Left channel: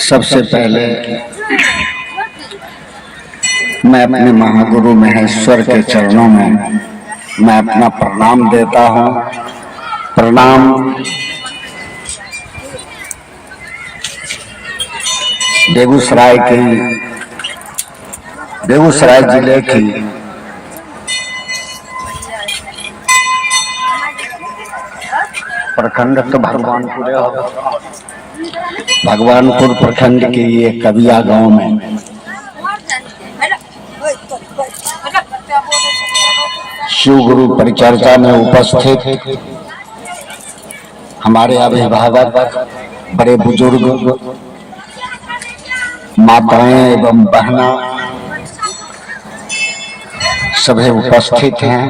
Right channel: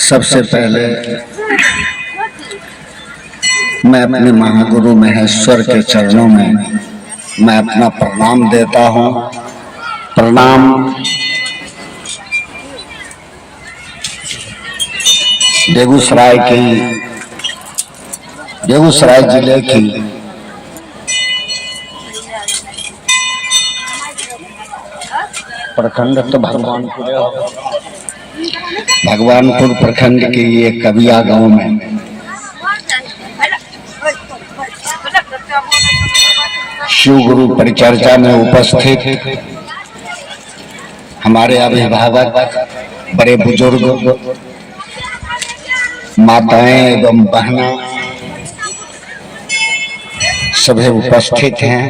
सबसे पहले मैं अपने महागुरु महेश्वर के चरणों में मैं अपना प्रणाम देता हूँ। प्रणाम बेगूसराय जिले की प्रखंड तो भगवानपुर प्रखंड के ये कबिया गांव में शिव गुरु परिचर्चा में उपस्थित हमारे अभिभावक, बड़े बुजुर्ग, माताएं एवं बहना सभी उपस्थित हैं।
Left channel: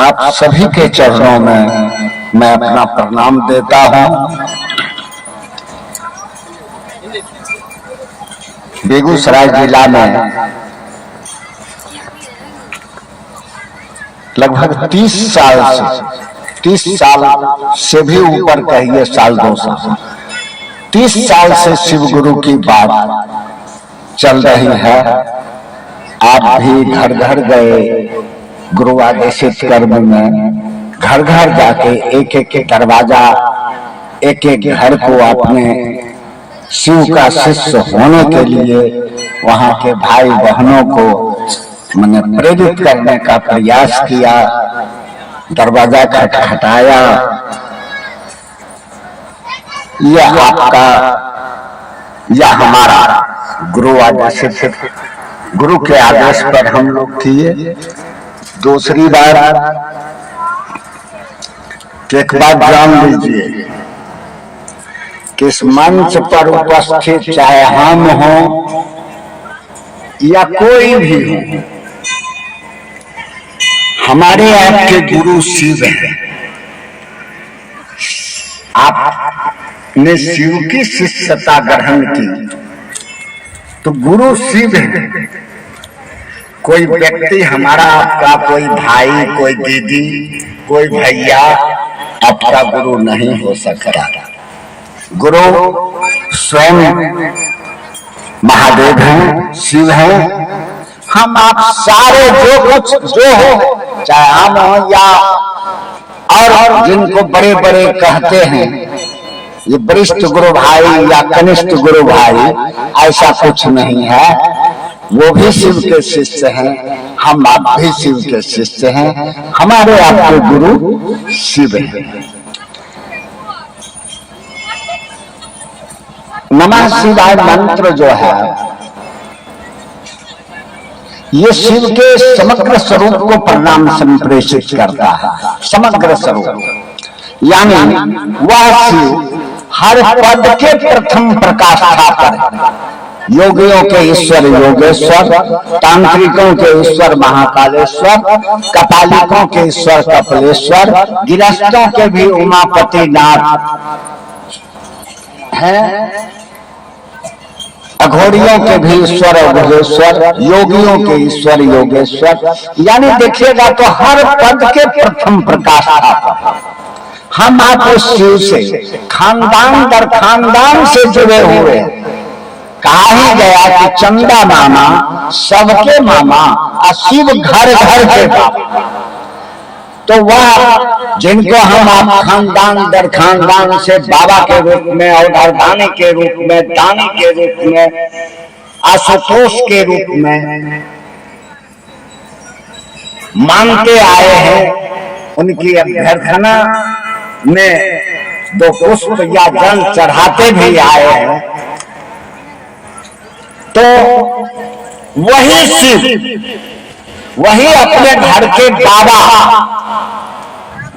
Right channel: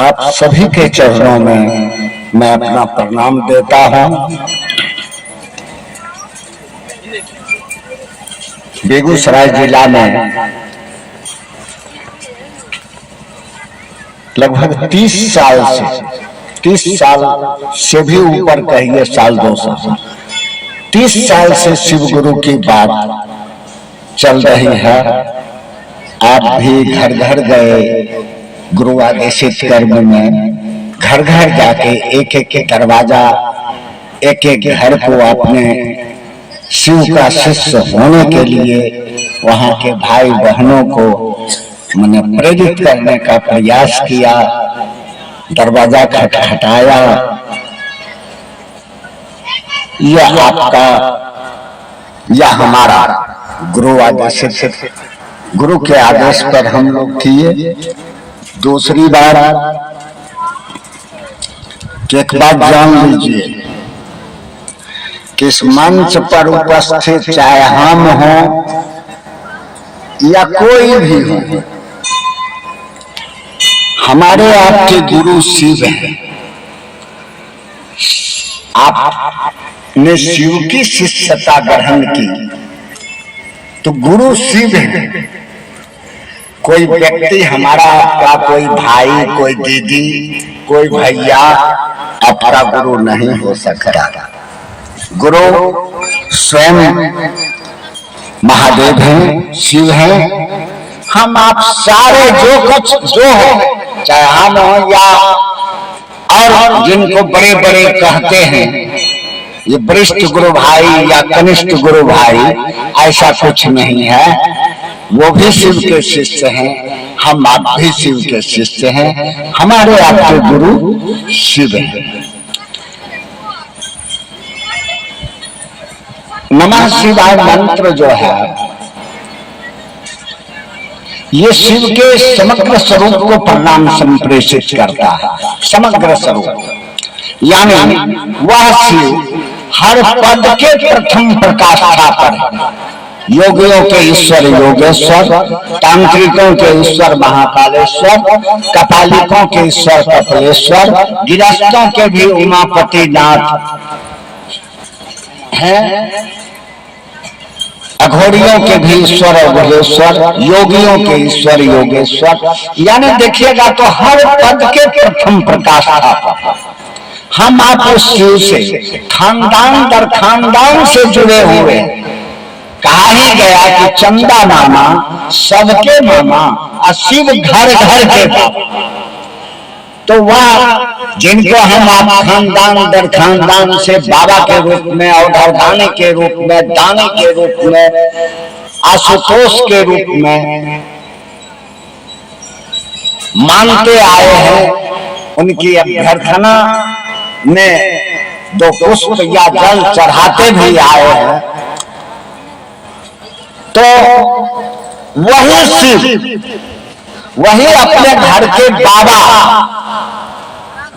आप सभी के चरणों में मैं अपना प्रणाम देता हूं। बेगूसराय जिला में लगभग 30 साल से भी ऊपर कहिए, साल 2 साल 30 साल से शिव गुरु की बात चल रही है। आप भी घर घर गए, गुरु आदेशित कर्म में घर घर जाके एक एक दरवाजा, एक एक घर को अपने शिव का शिष्य होने के लिए वहां के भाई बहनों को मैंने प्रेरित करने का प्रयास किया। दरवाजा खटखटाया। यह आपका या हमारा गुरु आदेशित, गुरु के आदेश पर हम लोग किए। दूसरी बार एक बात जान लीजिए कि इस मंच पर उपस्थित चाहे हम हों या कोई भी हो, हमारे आपके गुरु शिव हैं। आपने शिव की शिष्यता ग्रहण की तो गुरु शिव है। कोई व्यक्ति हमारा आपका, कोई भाई, कोई दीदी, कोई भैया आपका गुरु नहीं हो सकता। गुरु स्वयं महादेव हैं, शिव हैं। हम आप सारे जो हो, चाहे हम हो या और जिनको बड़े बड़े कहते हैं ये वरिष्ठ गुरु भाई या कनिष्ठ गुरु भाई, ऐसा कुछ नहीं है। वो भी शिव के शिष्य हैं, हम आप भी शिव के शिष्य हैं। हमारे आपके गुरु शिव हैं। नमः शिवाय मंत्र जो है ये शिव के समग्र स्वरूप को परिणाम संप्रेषित करता है। समग्र स्वरूप यानी वह शिव हर पद के प्रथम प्रकाष्ठा पर है। योगियों के ईश्वर योगेश्वर, तांत्रिकों के ईश्वर महाकालेश्वर, कपालिकों के ईश्वर कपिलेश्वर, गिरस्तों के भी उमापति नाथ हैं, अघोड़ियों के भी ईश्वर अघोरेश्वर, योगियों के ईश्वर योगेश्वर। यानी देखिएगा तो हर पद के प्रथम प्रकाष्ठा पर हम आप उस शिव से खानदान दर खानदान से जुड़े हुए। कहा ही गया कि चंदा मामा सबके मामा और शिव घर घर के बाबा। तो वह जिनको हम आप खानदान दर खानदान से बाबा के रूप में, औधारदानी के रूप में, दानी के रूप में, आशुतोष के रूप में मानते आए हैं, उनकी अभ्यर्थना में 2 पुष्प या जल चढ़ाते भी आए हैं। तो वही शिव, वही अपने घर के बाबा,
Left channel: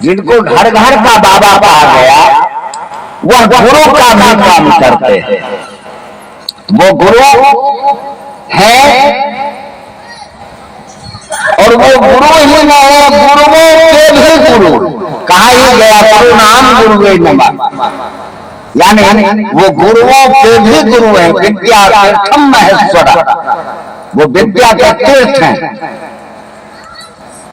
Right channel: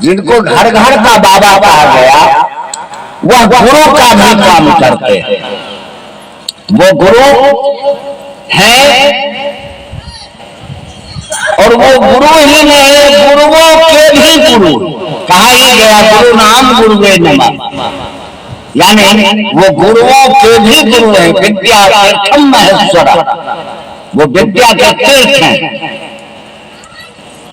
जिनको घर घर का बाबा कहा गया, वह गुरु का भी काम करते हैं। वो गुरु है और वो गुरु ही नहीं, गुरुओं के भी गुरु। कहा ही गया गुरु नाम गुरुवे नमः, यानी वो गुरुओं के भी गुरु हैं। विद्या तीर्थम महेश्वर, वो विद्या के तीर्थ हैं।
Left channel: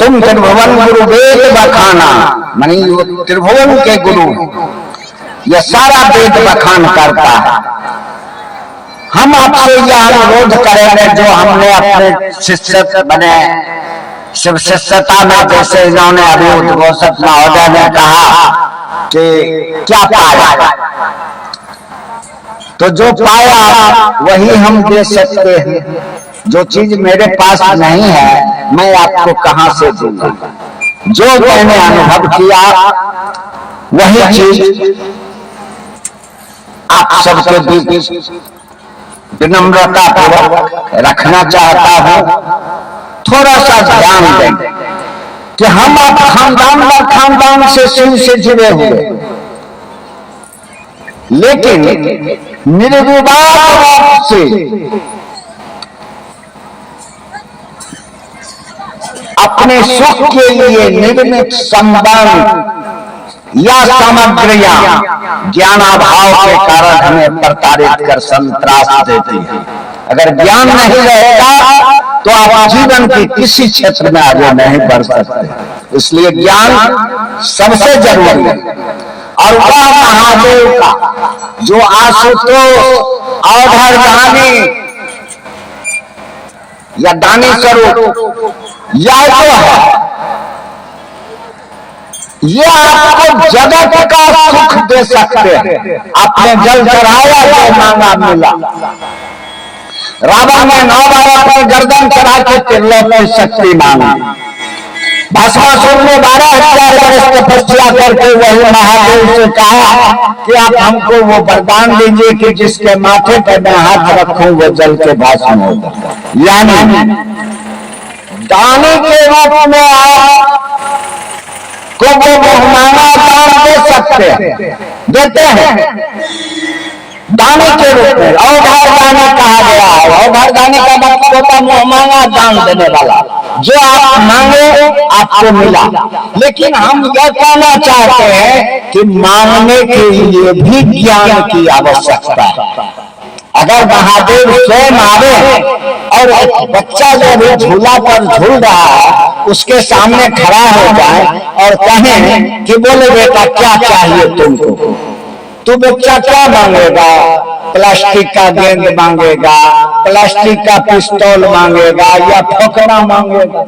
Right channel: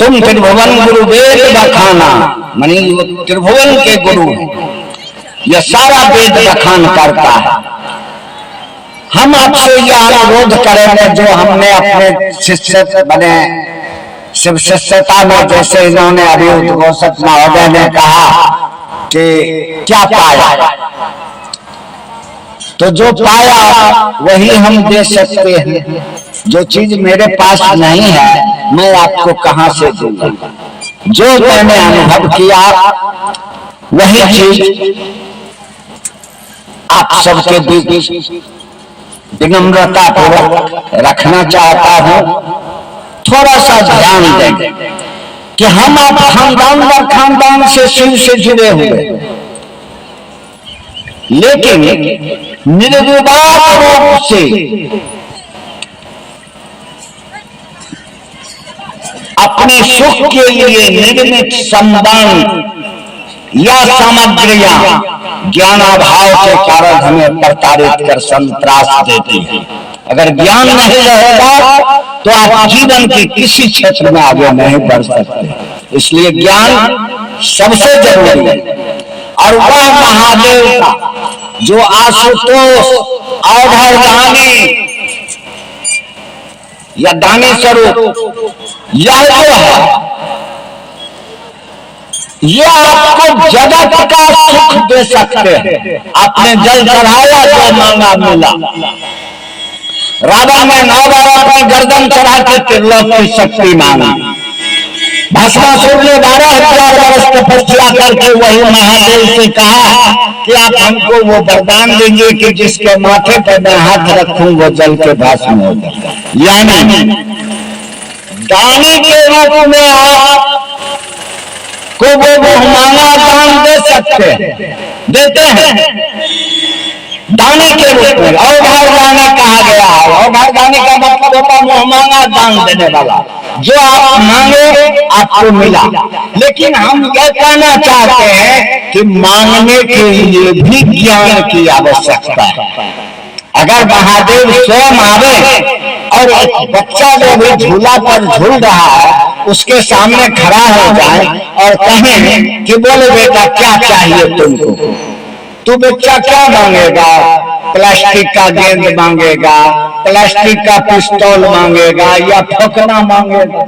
तुम त्रिभुवन गुरु वेद बखाना, मानी वो त्रिभुवन के गुरु हैं। यह सारा वेद बखान करता है। हम आपसे यह अनुरोध करेंगे जो हमने अपने शिष्य बने शिव शिष्यता में, जैसे इन्होंने अभी उद्घोषक महोदय ने कहा कि क्या पाया, तो जो पाया वही हम दे सकते हैं। जो चीज मेरे पास नहीं है मैं आपको कहां से दूंगा। जो मैंने अनुभव किया वही चीज आप सबके बीच विनम्रता पूर्वक रखना चाहता हूं। थोड़ा सा ध्यान दें कि हम आप खानदान से शिव से जुड़े हुए, लेकिन निर्विवाद रूप से अपने सुख के लिए निर्मित संबंध या सामग्रियां ज्ञानाभाव के कारण हमें प्रताड़ित कर संत्रास देती हैं। अगर ज्ञान नहीं रहेगा तो आप जीवन के किसी क्षेत्र में आगे नहीं बढ़ सकते। इसलिए ज्ञान सबसे जरूरी है। और वह महादेव का जो आशुतोष अवधर दानी या दानी स्वरूप यह जो है, ये आपको जगत का सुख दे सकते हैं। आपने जल चढ़ाया जो मांगा मिला। रावण ने 9 बार अपनी गर्दन चढ़ा के त्रिलोक की शक्ति मांगी। भस्मासुर ने 12,000 वर्ष तपस्या करके वही महादेव से कहा कि आप हमको वो वरदान दीजिए कि जिसके माथे पर मैं हाथ रखूं वो जल के भस्म होगा। यानी दानी के रूप में आप को वो बहुमाना दान दे सकते हैं, देते हैं दाने के रूप में। अवधार दाने कहा गया है। अवधार दाने का मतलब होता है मुहमांगा दान देने वाला। जो आप मांगे आपको मिला। लेकिन हम यह कहना चाहते हैं कि मांगने के लिए भी ज्ञान की आवश्यकता है। अगर महादेव स्वयं आवे और एक बच्चा जो भी झूला पर झूल रहा है उसके सामने खड़ा हो जाए और कहें कि बोले बेटा क्या चाहिए तुमको, तो बच्चा क्या मांगेगा? प्लास्टिक का गेंद मांगेगा, प्लास्टिक का पिस्तौल मांगेगा या ठोकना मांगेगा।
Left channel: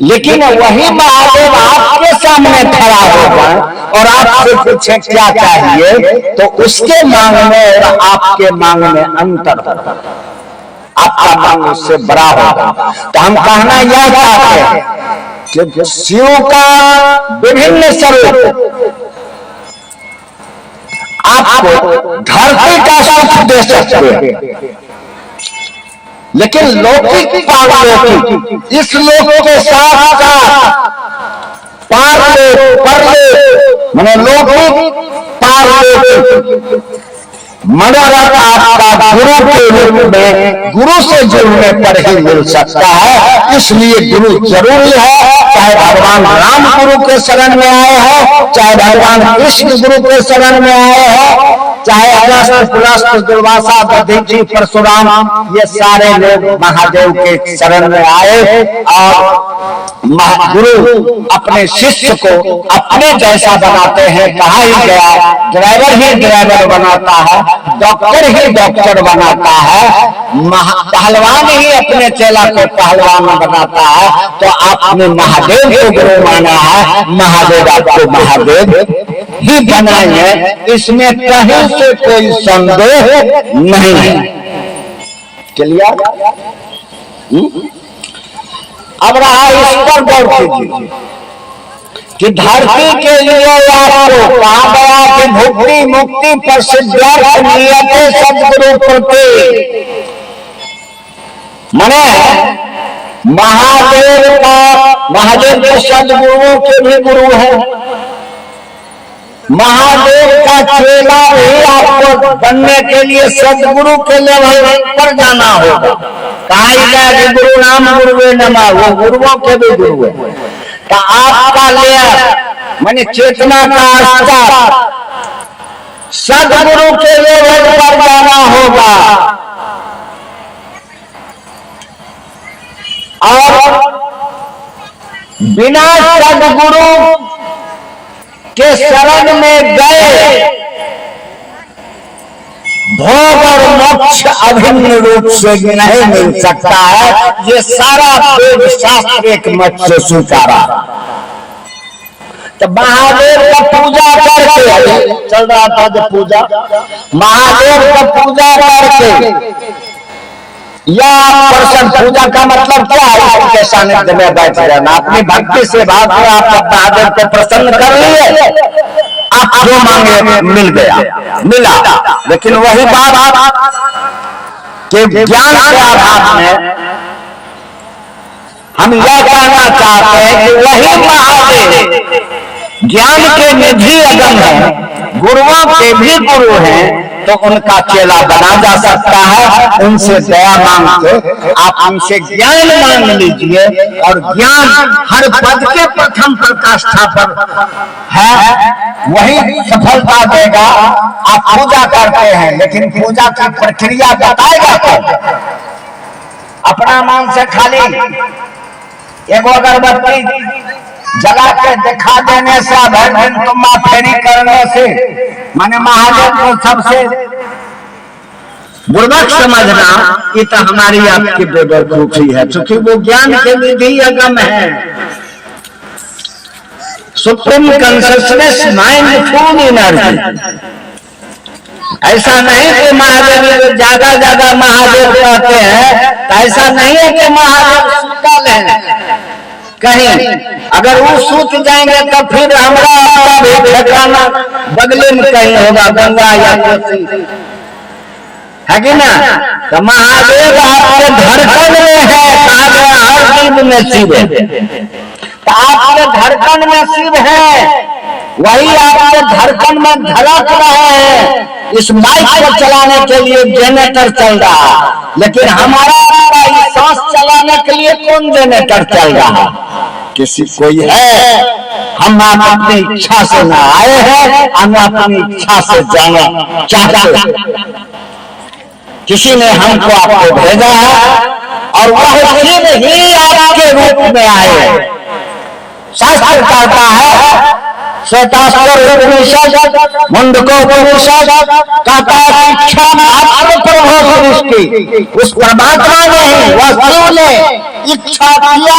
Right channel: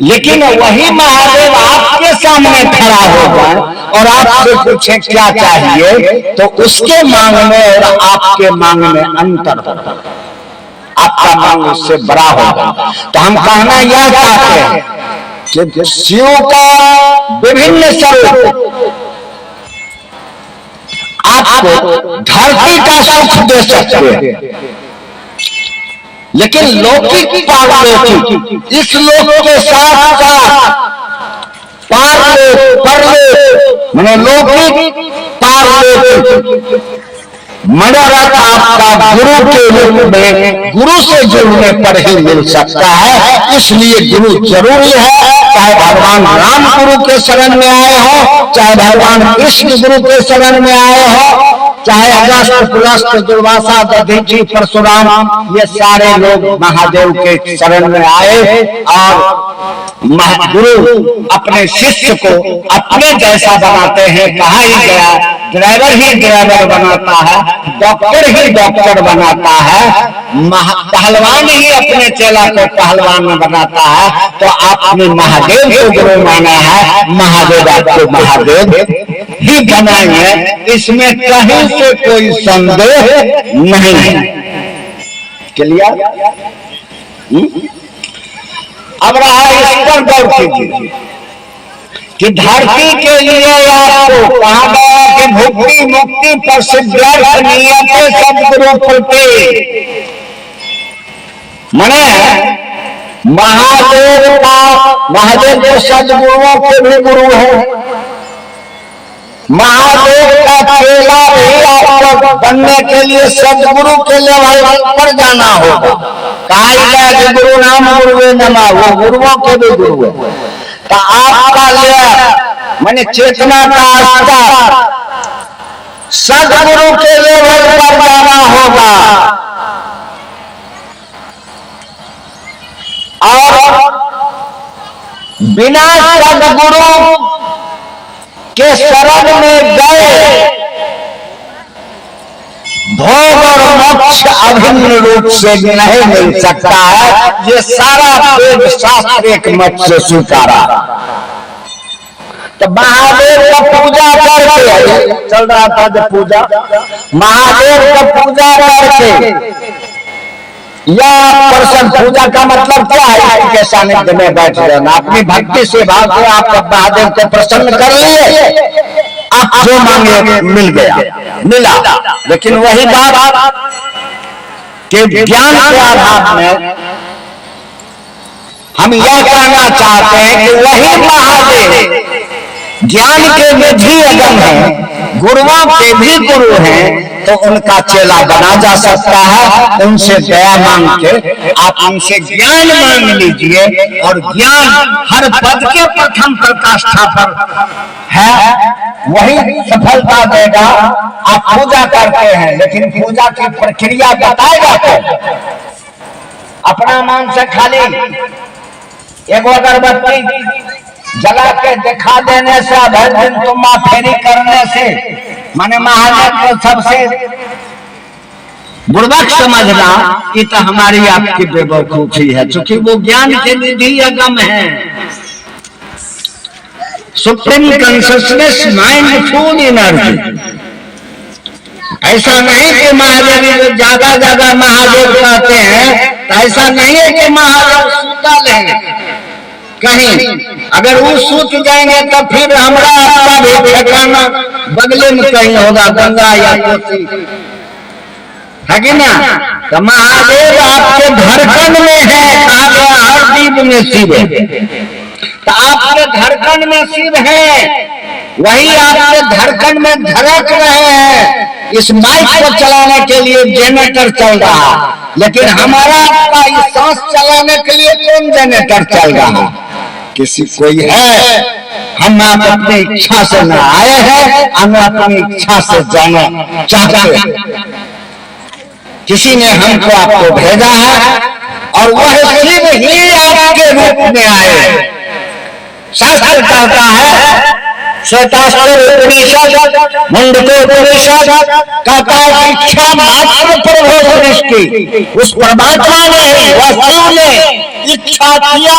लेकिन वही महादेव आपके सामने खड़ा होगा और आपसे पूछे क्या चाहिए, तो उसके मांगने और आपके मांगने अंतर होगा। आपका मांग उससे बड़ा होगा। तो हम कहना यह चाहते हैं कि शिव का विभिन्न स्वरूप आपको धरती का सुख दे सकते हैं, लेकिन लौकिक पारलौकिक इस लोक के साथ साथ परलौकिक माने लौकिक पारलौकिक मनोरथ आपका गुरु के रूप में गुरु से जुड़ने पर ही मिल सकता है। इसलिए गुरु जरूरी है। चाहे भगवान राम गुरु के शरण में आए हो, चाहे भगवान कृष्ण गुरु के शरण में आए हो, चाहे अगस्त पुलस्त दुर्वासा दधीचि परशुराम, ये सारे लोग महादेव के शरण में आए और गुरु अपने शिष्य को अपने जैसा बनाते हैं। कहा ही गया ड्राइवर ही ड्राइवर बनाता है, डॉक्टर ही डॉक्टर बनाता है, पहलवान ही अपने चेला को पहलवान बनाता है। तो आपने महादेव को गुरु माना है, महादेव आपको महादेव ही बनाएंगे, इसमें कहीं से कोई संदेह नहीं है। क्लियर? अब रहा इस पर गौर कीजिए कि धरती के लिए आपको कहा गया कि भुक्ति मुक्ति पर सिद्धार्थ नियते सदगुरु प्रति, माने महादेव के सदगुरुओं के भी गुरु है। महादेव का चेला भी आपको बनने के लिए सदगुरु के लेवल पर जाना होगा। कहा गया कि गुरु नाम गुरुवे नमः, वो गुरुओं के भी गुरु है। तो आपका ले माने चेतना का स्तर सदगुरु के लेवल पर जाना होगा। और बिना सदगुरु के शरण में गए भोग और मोक्ष अभिन्न रूप से नहीं मिल सकता है। ये सारा वेद शास्त्र एक मत से स्वीकारा। तो महादेव का पूजा करके चल रहा था जो पूजा, महादेव का पूजा करके या प्रसन्न, पूजा का मतलब क्या है? आपके सानिध्य में बैठ जाना, अपनी भक्ति से भाव के आप महादेव को प्रसन्न कर लिए, आप जो मांगे मिल गया, मिला। लेकिन वही बात कि ज्ञान के आधार में हम यह कहना चाहते हैं कि वही महादेव ज्ञान के निधि अगम है, गुरुओं के भी गुरु हैं, तो उनका चेला बना जा सकता है। उनसे दया मांग के आप उनसे ज्ञान मांग लीजिए, और ज्ञान हर पद के प्रथम प्रकाष्ठा पर है, वही सफलता देगा। आप पूजा करते हैं, लेकिन पूजा की प्रक्रिया बताएगा तो अपना मन से खाली एगो अगरबत्ती जला के दिखा देने से, भर दिन तुम्मा फेरी करने से, माने महादेव को सबसे बुर्बक समझना, ये तो हमारी आपकी बेवकूफी है, क्योंकि वो ज्ञान के निधि अगम है। Supreme consciousness, mindful energy. ऐसा नहीं कि महादेव ज्यादा ज्यादा महादेव कहते हैं, तो ऐसा नहीं है कि महादेव सुतल है कहीं। अगर वो सूत जाएंगे तो फिर हमारा आपका भी ठिकाना बगले में कहीं होगा, गंगा या कोसी, है कि ना? तो महादेव आपके धड़कन में है, कहा गया हर जीव में शिव है। तो आपके धड़कन में शिव है, वही आपके धड़कन में धड़क रहे हैं। इस माइक को चलाने के लिए जनरेटर चल रहा है, लेकिन हमारा आपका इस सांस चलाने के लिए कौन जनरेटर चल रहा है? किसी कोई है। हम आप अपनी इच्छा से न आए हैं, हम अपनी इच्छा से जाना चाहते, किसी ने हमको आपको भेजा है, और वह शिव ही आपके रूप में आए। शास्त्र कहता है, श्वेतास्त्र उपनिषद, मुंडको उपनिषद कहता है, इच्छा मात्र प्रभो सृष्टि। उस परमात्मा ने, वस्तु ने इच्छा किया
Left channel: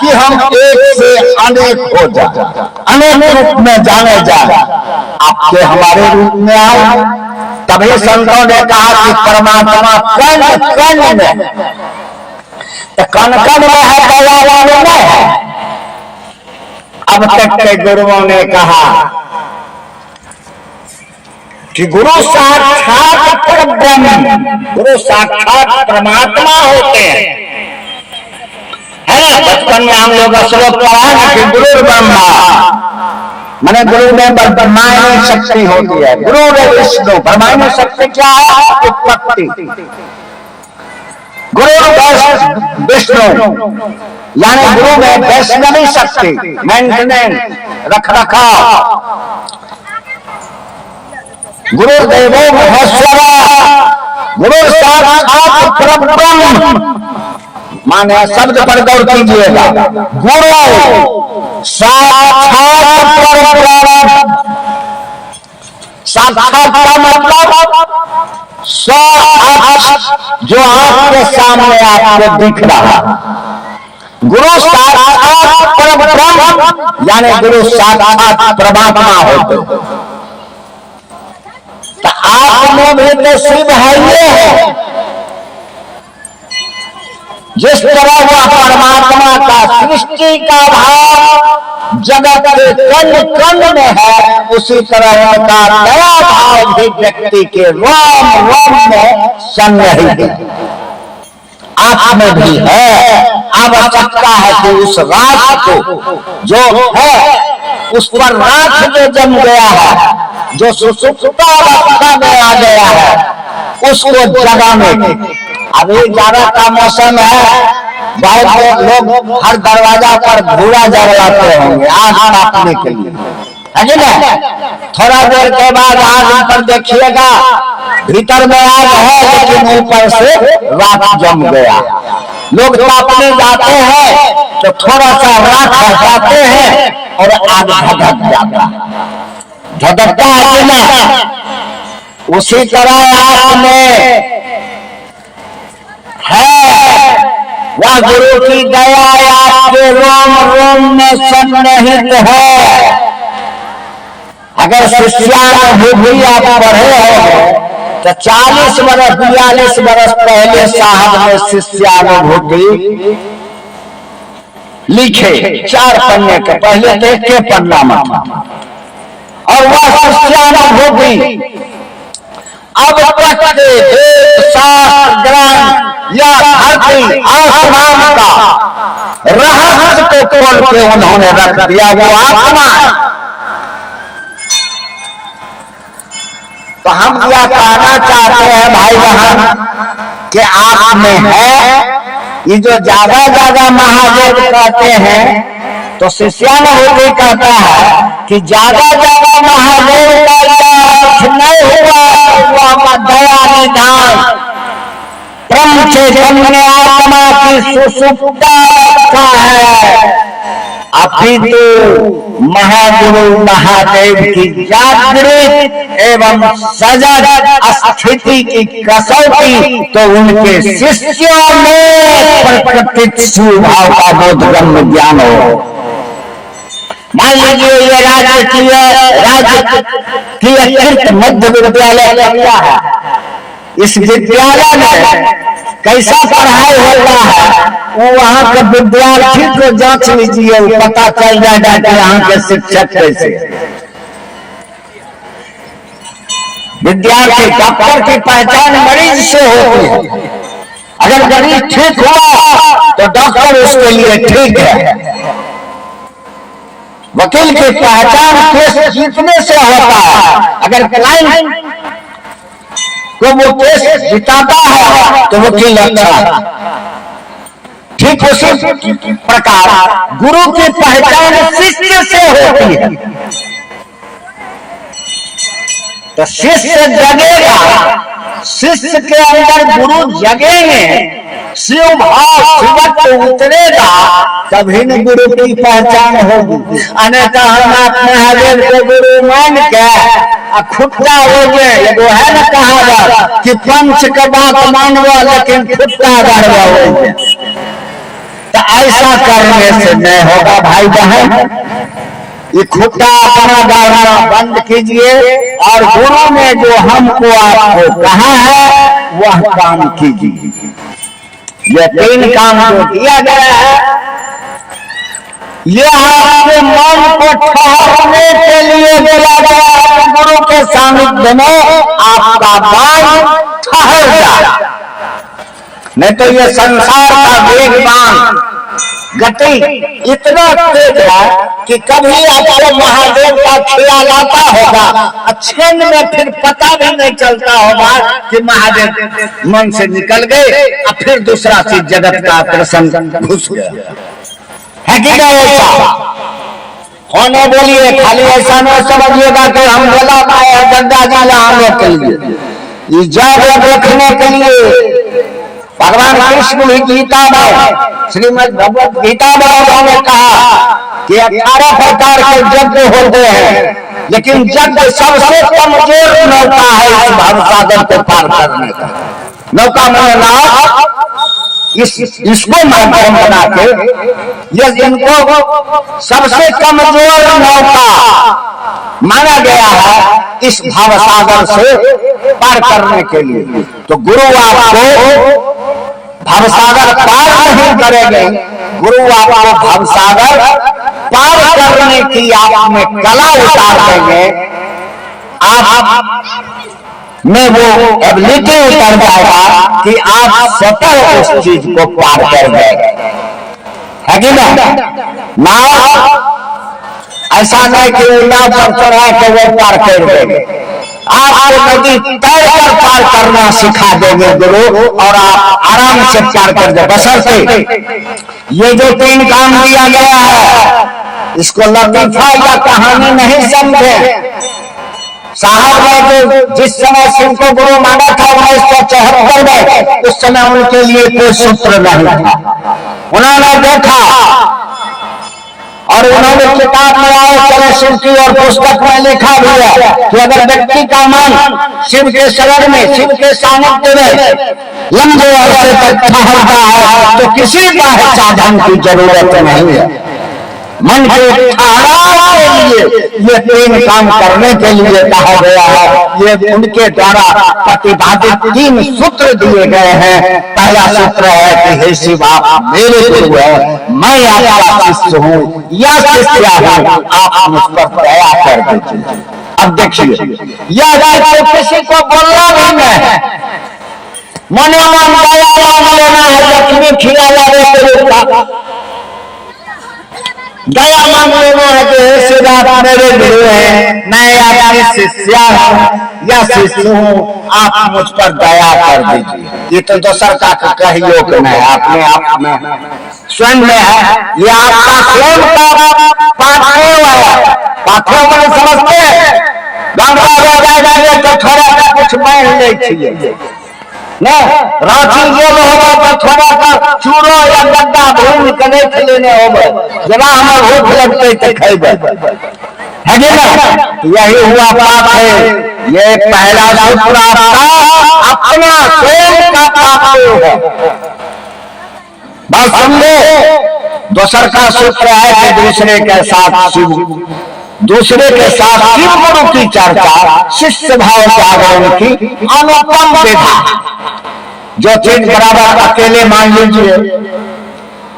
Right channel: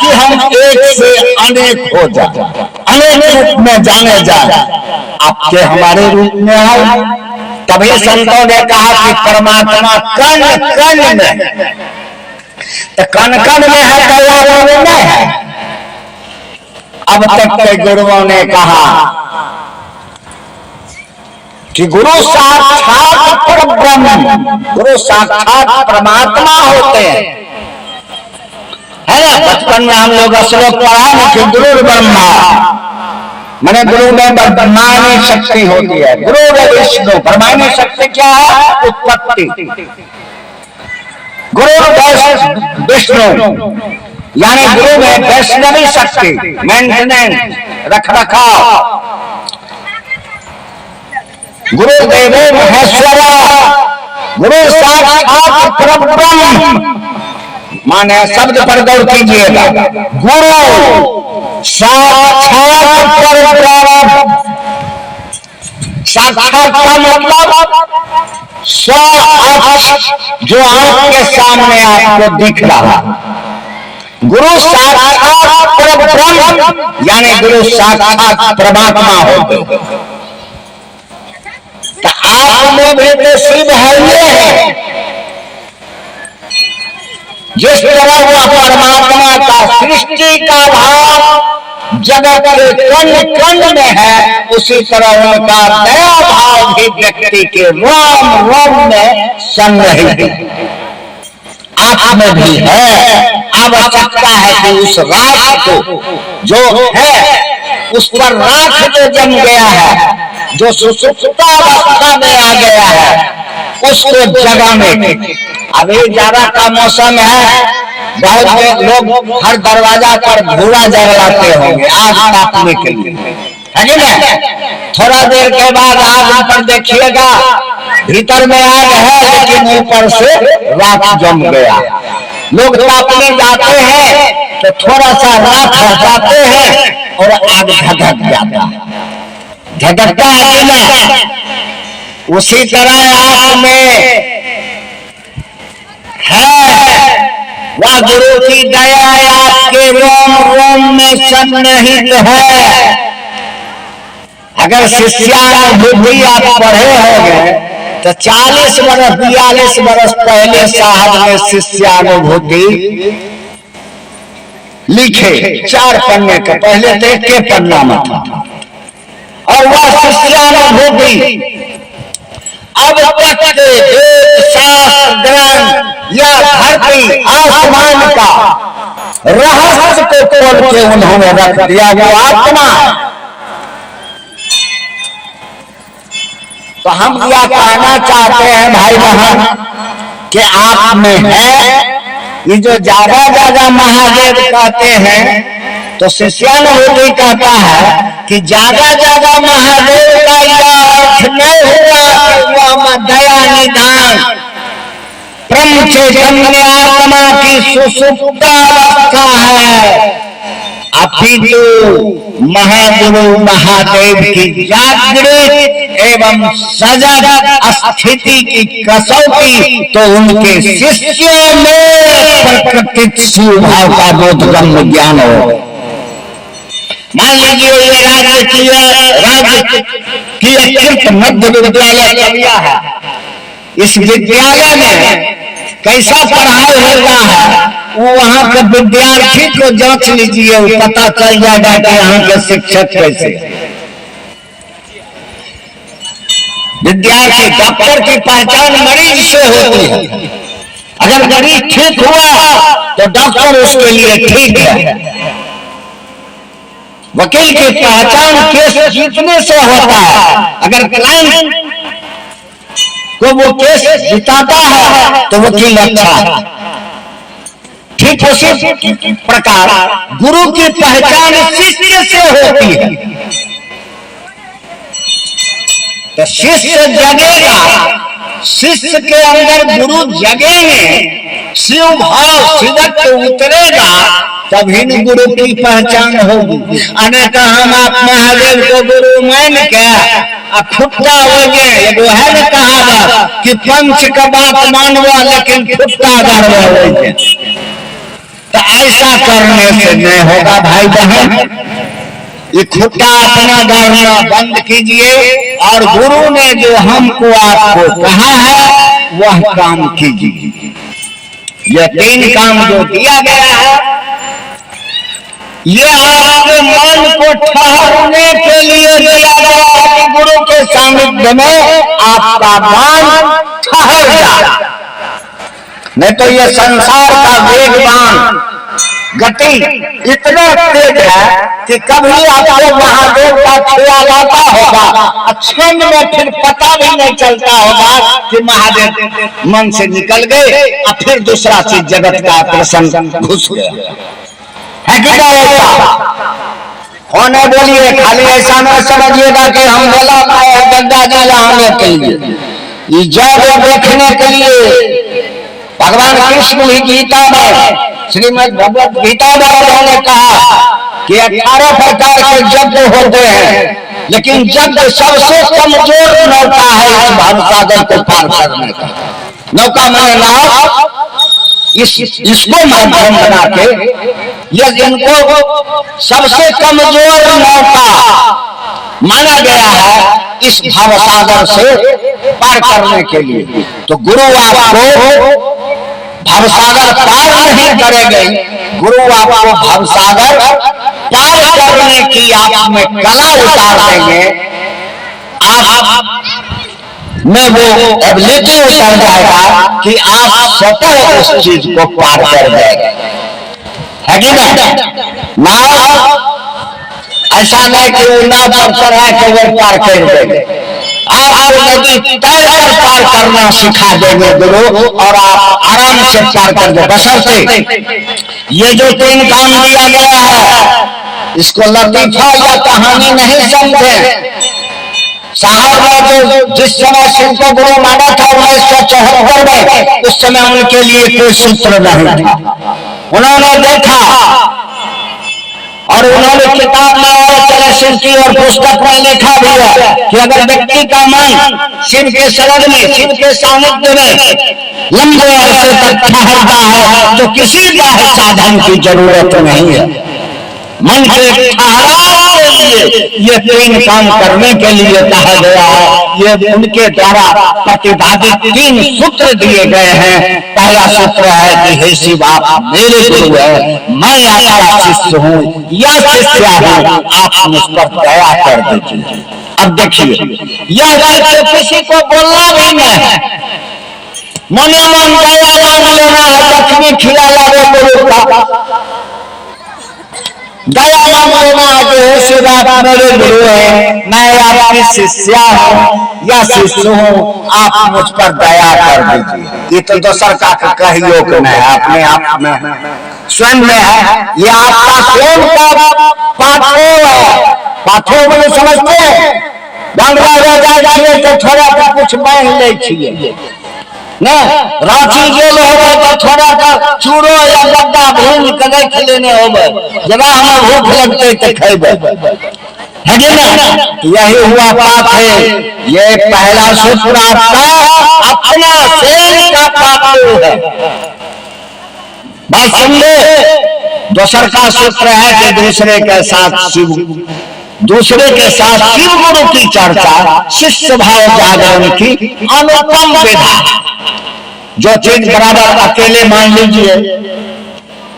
कि हम एक से अनेक हो जाए, अनेक रूप में जाने जाए, आपके हमारे रूप में आए। तभी संतों ने कहा कि परमात्मा कण कण में, तो कण कण में है, दयावान में है। अब तक के गुरुओं ने कहा कि गुरु साक्षात परब्रह्म, गुरु साक्षात परमात्मा होते हैं, है ना? बचपन में हम लोग श्लोक पढ़ा ना कि गुरु ब्रह्मा, मैंने गुरु में ब्रह्मांड शक्ति होती है, गुरु विष्णु। ब्रह्मांड शक्ति क्या है? उत्पत्ति। गुरु विष्णु यानी गुरु में वैष्णवी शक्ति, मेंटेनेंस, रख रखाव। गुरुदेव महेश्वर, गुरु साक्षात परब्रह्म, माने शब्द पर गौर कीजिएगा। गुरु साक्षात परब्रह्म, साक्षात का मतलब जो आपके सामने आपको दिख रहा। गुरु साक्षात परब्रह्म यानी गुरु साक्षात परमात्मा होते। तो आप में भी तो शिव है, ये है। जिस तरह वह परमात्मा का सृष्टि का भाव जगत के कण कण में है, उसी तरह उनका दया भाव भी व्यक्ति के रोम रोम में संग्रहित है, आप में भी है। आवश्यकता है कि उस राख को जो है, उस पर राख जो जम गया है, जो सुसुप्तावस्था में आ गया है, उसको जगाने की। अभी जाड़ा का मौसम है, बहुत लोग हर दरवाजा पर धुआं जलाते होंगे आग तापने के लिए, है कि नहीं? थोड़ा देर के बाद आग पर देखिएगा, भीतर में आग है, लेकिन ऊपर से राख जम गया। लोग तापने जाते हैं तो थोड़ा सा राख हटाते हैं और आग धधक जाता है। धधकता है ना, उसी तरह आप में है वह गुरु की दया आपके रोम रोम में सन्निहित है। अगर शिष्यानुभूति आप पढ़े होंगे तो 40 बरस 42 बरस पहले साहब ने शिष्यानुभूति लिखे, 4 पन्ने के, पहले तो एक पन्ना में था। और वह शिष्यानुभूति अब तक शास्त्र ग्रंथ या धरती आसमान का रहस्य को खोल के उन्होंने रख दिया। वो आत्मा, तो हम यह कहना चाहते हैं भाई बहन कि आप में है ये जो ज्यादा ज्यादा महादेव कहते हैं, तो शिष्यानुभूति कहता है कि ज्यादा ज्यादा महादेव का अर्थ नहीं हुआ वह दया निधान ब्रह्म चैतन्य आत्मा की सुसुप्ता का है, अपितु महागुरु महादेव की जागृत एवं सजग स्थिति की कसौटी तो उनके शिष्यों में प्रकटित स्वभाव का बोधगम्य ज्ञान हो। मान लीजिए ये राज्य की अत्यंत मध्य विद्यालय कन्या है, इस विद्यालय में कैसा पढ़ाई होता है वो वहां के विद्यार्थी को जांच लीजिए, वो पता चल जाएगा कि यहाँ के शिक्षक कैसे। विद्यार्थी, डॉक्टर की पहचान मरीज से होती है। अगर मरीज ठीक हुआ तो डॉक्टर उसके लिए ठीक है। वकील की पहचान केस जीतने से होता है। अगर क्लाइंट को वो केस जिताता है तो वकील अच्छा है। ठीक उसी प्रकार गुरु की पहचान शिष्य से होती है। तो शिष्य जगेगा, शिष्य के अंदर गुरु जगेंगे, शिव भाव शिवत्व उतरेगा, तभी न गुरु की पहचान होगी। अन्यथा हम आप महादेव को गुरु मान के खुट्टा हो गए। वो है न कहावत कि पंच का बात मानवा लेकिन खुट्टा गड़वा हो गए। तो ऐसा करने से नहीं होगा भाई बहन। ये खुट्टा अपना गाड़ना बंद कीजिए और गुरु ने जो हमको आपको कहा है वह काम कीजिए। यह 3 काम जो दिया गया है ये आपके मन को ठहरने के लिए दिया गया है। गुरु के सानिध्य में आपका मन ठहर जाए, नहीं तो ये संसार का वेगवान गति इतना तेज है कि कभी आपको महादेव का ख्याल आता होगा, क्षण में फिर पता भी नहीं चलता होगा कि महादेव मन से निकल गए और फिर दूसरा चीज जगत का आकर्षण घुस गया है कि होने के लिए। खाली ऐसा न समझिएगा कि हम गला पाए गंगा जल आने के लिए, ये जग देखने के लिए। भगवान कृष्ण ही गीता में श्रीमद् भगवत गीता में उन्होंने कहा कि 18 प्रकार के यज्ञ होते हैं, लेकिन यज्ञ सबसे कमजोर नौका है इस भवसागर को पार करने का। नौका में नाव, इसको माध्यम बना के ये इनको सबसे कमजोर नौका माना गया है इस भवसागर से पार करने के लिए। तो गुरु आपको भवसागर पार नहीं करेंगे, गुरु आपको भवसागर पार करने की आप में कला उतार देंगे, आप में वो एबिलिटी उतर जाएगा कि आप स्वतः उस चीज को पार कर देंगे, है कि नहीं। नाव ऐसा नहीं कि वो नाव पर चढ़ा के वो पार कर देंगे, आपको नदी तैर कर पार करना सिखा देंगे गुरु, और आप आराम से पार कर दे। बशर्ते ये जो 3 काम दिया गया है इसको लतीफा या कहानी नहीं समझे। साहब ने जो जिस समय शिव को गुरु माना था 1974 में, उस समय उनके लिए कोई सूत्र नहीं था। उन्होंने देखा और उन्होंने किताब में और चले शिव की और पुस्तक में लिखा भी है कि अगर व्यक्ति का मन शिव के शरण में, शिव के सानिध्य में लंबे अरसे तक ठहरता है तो किसी का साधन की जरूरत नहीं है। मन के ठहराव के लिए ये तीन काम करने के लिए कहा गया है। ये उनके द्वारा प्रतिपादित तीन सूत्र दिए गए हैं। पहला सूत्र है कि हे शिव आप मेरे गुरु है, मैं आपका शिष्य हूँ या शिष्या हूँ, आप मुझ पर दया कर दीजिए। अब देखिए यह तो किसी को बोलना भी नहीं है, मने मन दया मांग लेना है, लक्ष्मी खिलाया दया मांग लेना है कि शिव आप मेरे गुरु है, मैं आपकी शिष्या हूँ या शिष्य हूँ, आप मुझ पर दया कर दीजिए। ये तो दूसर का कहियो कि नहीं, अपने आप में स्वयं में है। ये आपका स्वयं का पाठो है। पाठो में समझते हैं गंगा हो जाए तो थोड़ा सा कुछ बांध ले छिए ना, रांची जेल होगा तो थोड़ा सा चूड़ो या गद्दा भून के देख लेने होगा, जरा हमें भूख लगते तो खेबे है ना। यही हुआ बात है। ये पहला सूत्र आपका अपना स्वयं का पाठो है, बात समझे। दूसर का सूत्र है कि दूसरे के साथ शिव गुरु की चर्चा, शिष्य भाव जागरण की अनुपम विधा। जो चीज बराबर अकेले मान लीजिए,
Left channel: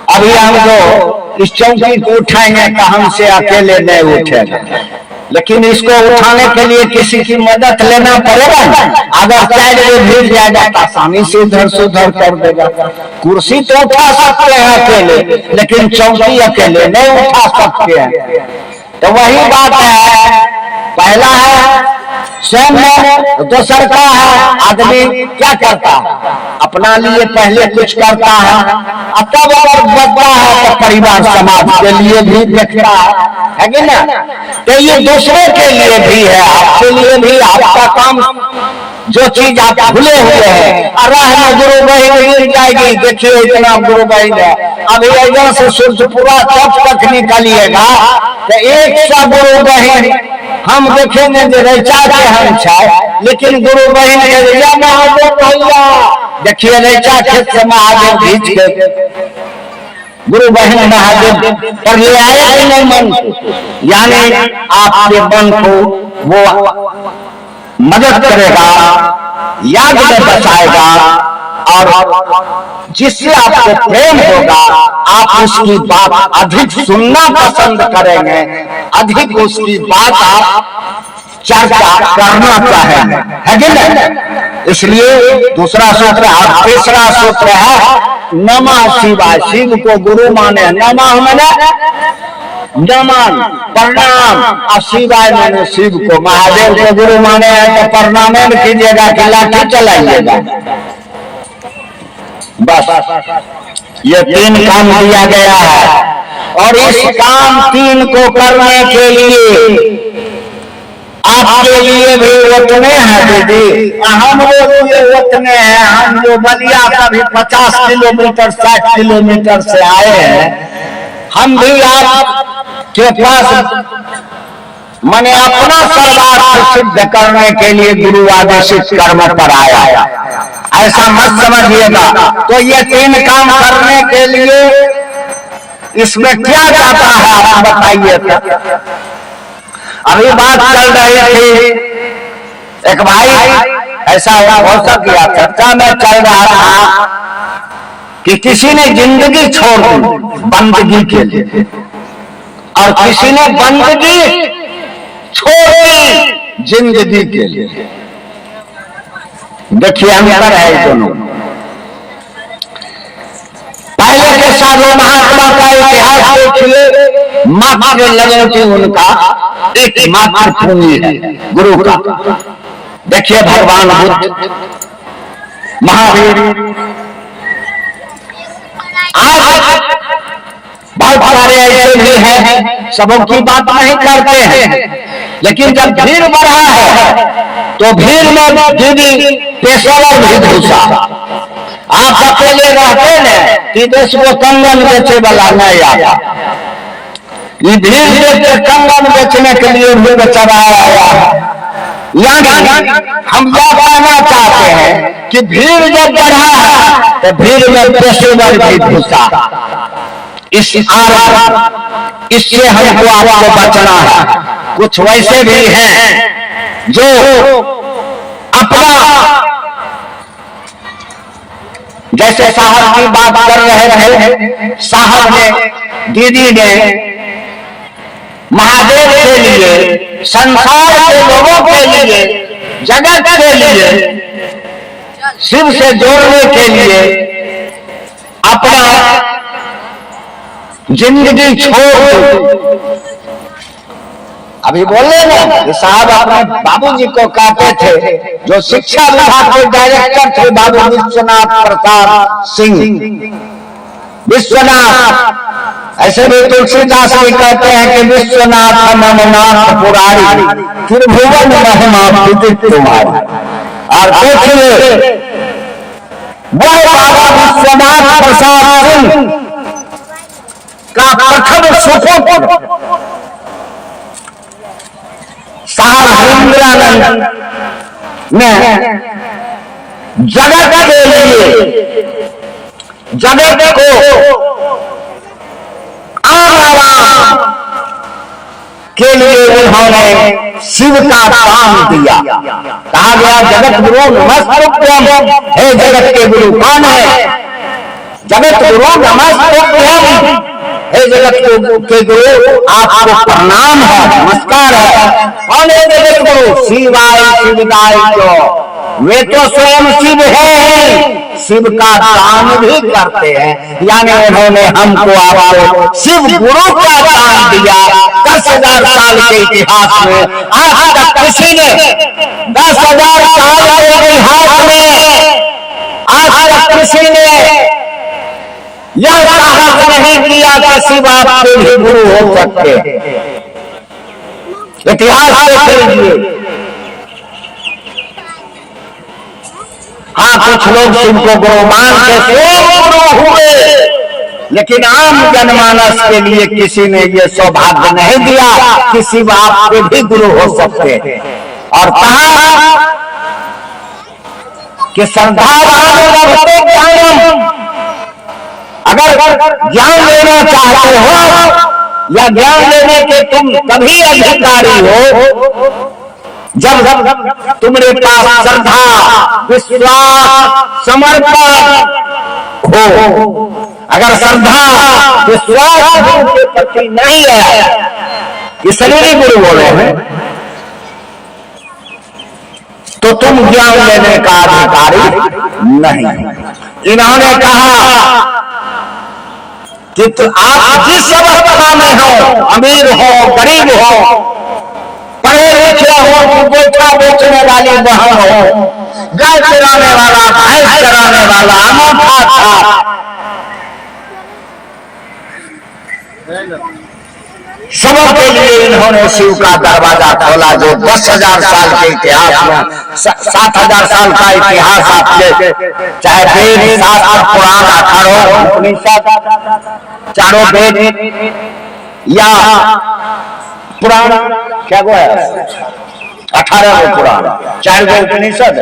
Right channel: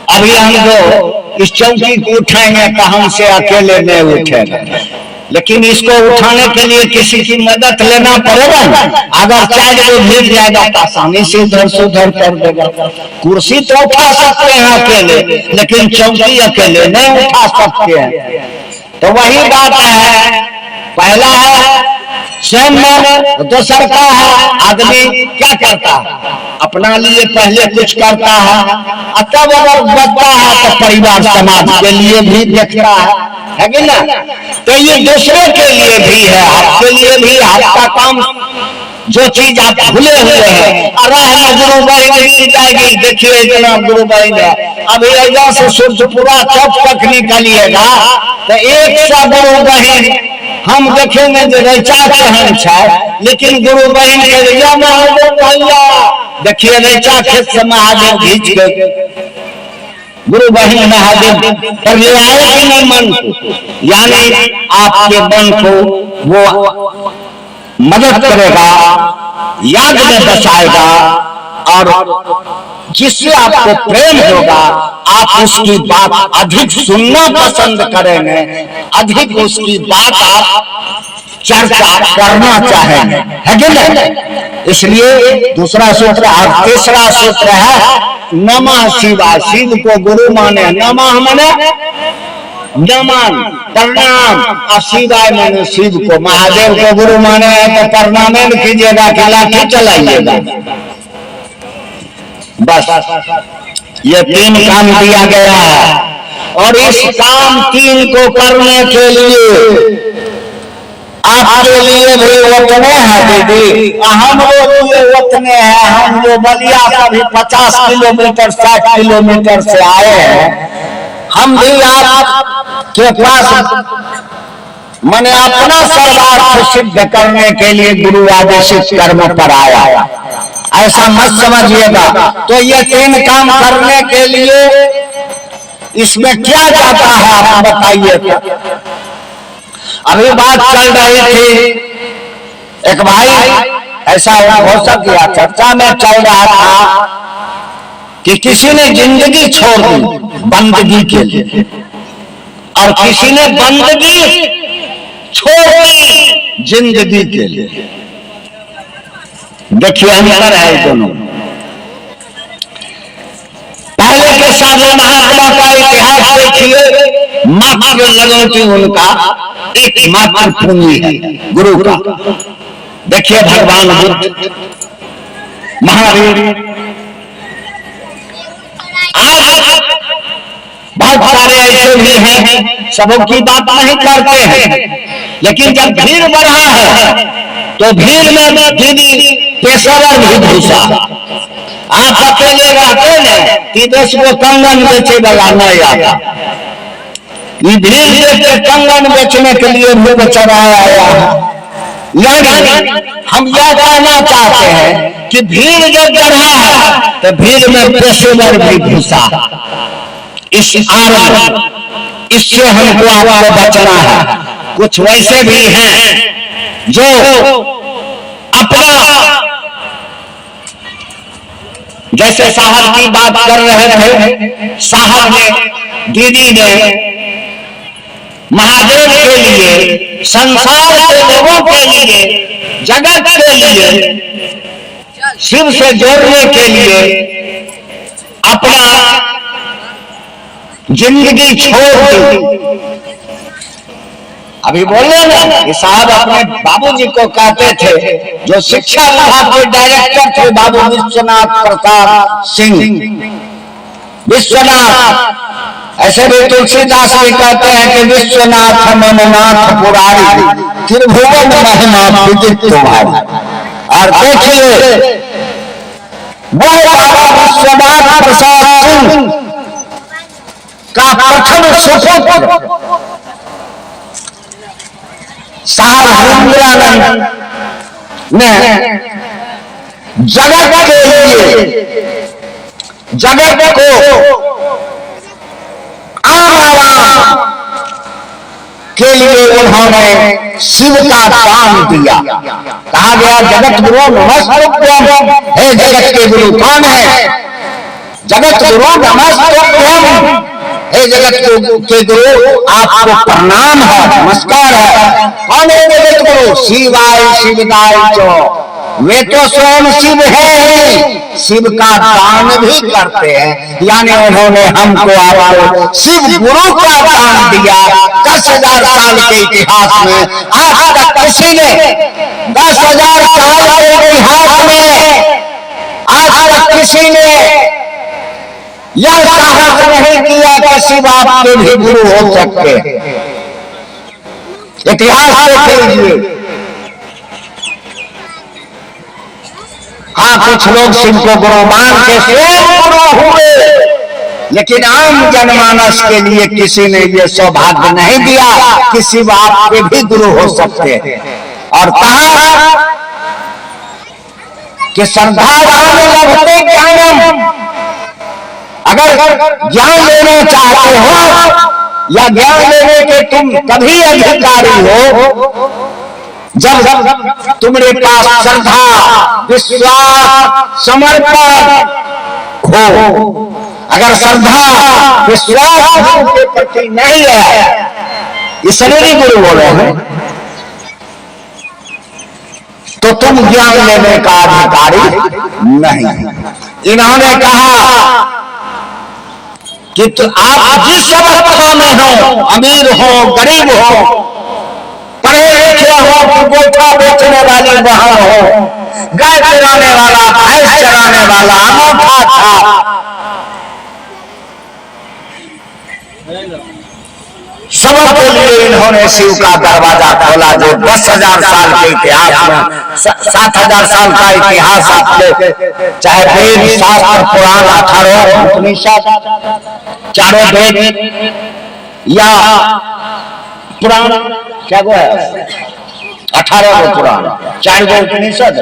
अभी हम जो इस चौकी को उठाएंगे तो हमसे अकेले नहीं उठेगा, लेकिन इसको उठाने के लिए किसी की मदद लेना पड़ेगा ना। अगर चाहे वो भीग जाएगा तो आसानी से इधर से उधर कर देगा। कुर्सी तो उठा सकते हैं अकेले, लेकिन चौकी अकेले नहीं उठा सकते हैं। तो वही बात है, पहला है स्वयं में, दूसर का है आदमी क्या करता है, अपना लिए पहले कुछ करता है, तब अगर बचता है तो परिवार समाज के लिए भी देखता है कि ना। तो ये दूसरे के लिए भी है, आपके लिए भी। आपका काम जो चीज आप भूले हुए हैं, राह में गुरु बहन गिर जाएगी, देखिए इतना गुरु बहन है, अभी यहाँ से सूर्य पूरा चौक तक निकलिएगा तो एक सा गुरु बहन हम देखेंगे जो रेचा के हम छाए, लेकिन गुरु बहन के महादेव भैया देखिए रेचा खेत से महादेव खींच गए, गुरु बहन महादेव पर ले आए कि नहीं मन को, यानी आपके मन को वो मदद करेगा, याद में बचाएगा, और जिससे आपको प्रेम होगा आप उसकी बात अधिक सुनना पसंद करेंगे, अधिक उसकी बात आप चर्चा करना चाहेंगे, है कि नहीं। इसलिए दूसरा सूत्र और तीसरा सूत्र है नमः शिवाय। शिव को गुरु माने, नमः माने नमन प्रणाम, और शिवाय माने शिव को। महादेव को गुरु माने हैं तो प्रणाम कीजिएगा कि लाठी चलाइएगा, बस। ये तीन काम दिया गया है, और इस काम तीन को करने के लिए आपके लिए भी उतने हैं दीदी, हम लोग ये उतने हैं। हम जो बलिया का भी 50 किलोमीटर 60 किलोमीटर से आए हैं, हम भी आप के पास मैंने अपना सर्वार्थ सिद्ध करने के लिए गुरु आदेशित कर्म पर आया, ऐसा मत समझिएगा। तो ये तीन काम करने के लिए इसमें क्या जाता है आप बताइए। अभी बात चल रही थी, एक भाई ऐसा हो सका चर्चा में चल रहा था कि किसी ने जिंदगी छोड़ दी बंदगी के लिए, और किसी ने बंदगी छोड़ दी जिंदगी के लिए। देखिए अंतर है दोनों। पहले के साधु महात्मा का इतिहास देखिए, मात्र लगन की उनका एक मात्र पूंजी है गुरु का। देखिए भगवान बुद्ध, महावीर, आज बहुत सारे ऐसे भी हैं, सबों की बात नहीं करते हैं, लेकिन जब भीड़ बढ़ा है तो भीड़ में दीदी पेशेवर भी घुसा। आप अकेले रहते हैं कि देश को कंगन बेचे वाला नहीं आता, ये भीड़ के कंगन बेचने के लिए भी बेचारा आया है। यानी हम यह कहना चाहते हैं कि भीड़ जब बढ़ा है तो भीड़ में पेशेवर भी घुसा। इस इससे हमको आपको बचना है। कुछ वैसे भी हैं जो अपना, जैसे साहब की बात कर रहे थे, साहब ने, दीदी ने महादेव के लिए, संसार के लोगों के लिए, जगत के लिए, शिव से जोड़ने के लिए अपना जिंदगी छोड़ दी। अभी बोले ना कि साहब अपने बाबूजी को कहते थे, जो शिक्षा विभाग के डायरेक्टर थे बाबू विश्वनाथ प्रताप सिंह, विश्वनाथ, ऐसे भी तुलसीदास भी कहते हैं कि विश्वनाथ मननाथ पुरारी, त्रिभुवन महिमा विदित तुम्हारी। और देखिए वो बाबा विश्वनाथ प्रसाद सिंह का प्रथम सुपुत्र साहब हरिंद्रानंद ने जगत के लिए, जगत को आराम के लिए उन्होंने शिव का दान दिया। कहा गया जगत गुरु नमस्तुभ्यम, हे जगत के गुरु कौन है? जगत गुरु नमस्तुभ्यम, हे जगत के गुरु आपको प्रणाम है, नमस्कार है। कौन है जगत गुरु? शिवाय शिवदाय चो, वे तो स्वयं शिव है, शिव का दान भी करते हैं। यानी उन्होंने हमको आपको शिव गुरु का दान दिया। 10,000 साल के इतिहास में आज तक किसी ने 10,000 साल के इतिहास में आज तक किसी ने यह साहस नहीं किया कि शिव आपके भी गुरु हो सकते। इतिहास देख लीजिए। हाँ, कुछ लोग शिव को गुरु मान के स्वयं गुरु हुए, लेकिन आम जनमानस के लिए किसी ने यह सौभाग्य नहीं दिया कि शिव आपके भी गुरु हो सकते हैं। और कहा कि श्रद्धा अगर ज्ञान लेना चाहते हो या ज्ञान लेने के तुम तभी अधिकारी हो जब तुम्हारे पास श्रद्धा, विश्वास, समर्पण हो। अगर श्रद्धा, विश्वास के प्रति नहीं है, इसलिए गुरु बोले हैं, तो तुम ज्ञान लेने का अधिकारी नहीं। इन्होंने कहा कि तो आप जिस अवस्था में हो, अमीर हो, गरीब हो, पढ़े लिखे हो कि गोइठा बेचने वाली बहन हो, गाय चराने वाला, भैंस चराने वाला, अनोखा था, सबके लिए इन्होंने शिव का दरवाजा खोला। जो 10,000 साल के इतिहास में 7,000 साल का इतिहास आपके, चाहे वेद, शास्त्र, पुराण, 18 उपनिषद, चारों वेद या पुराण, क्या वो है 18 गो पुराण, 4 गो उपनिषद,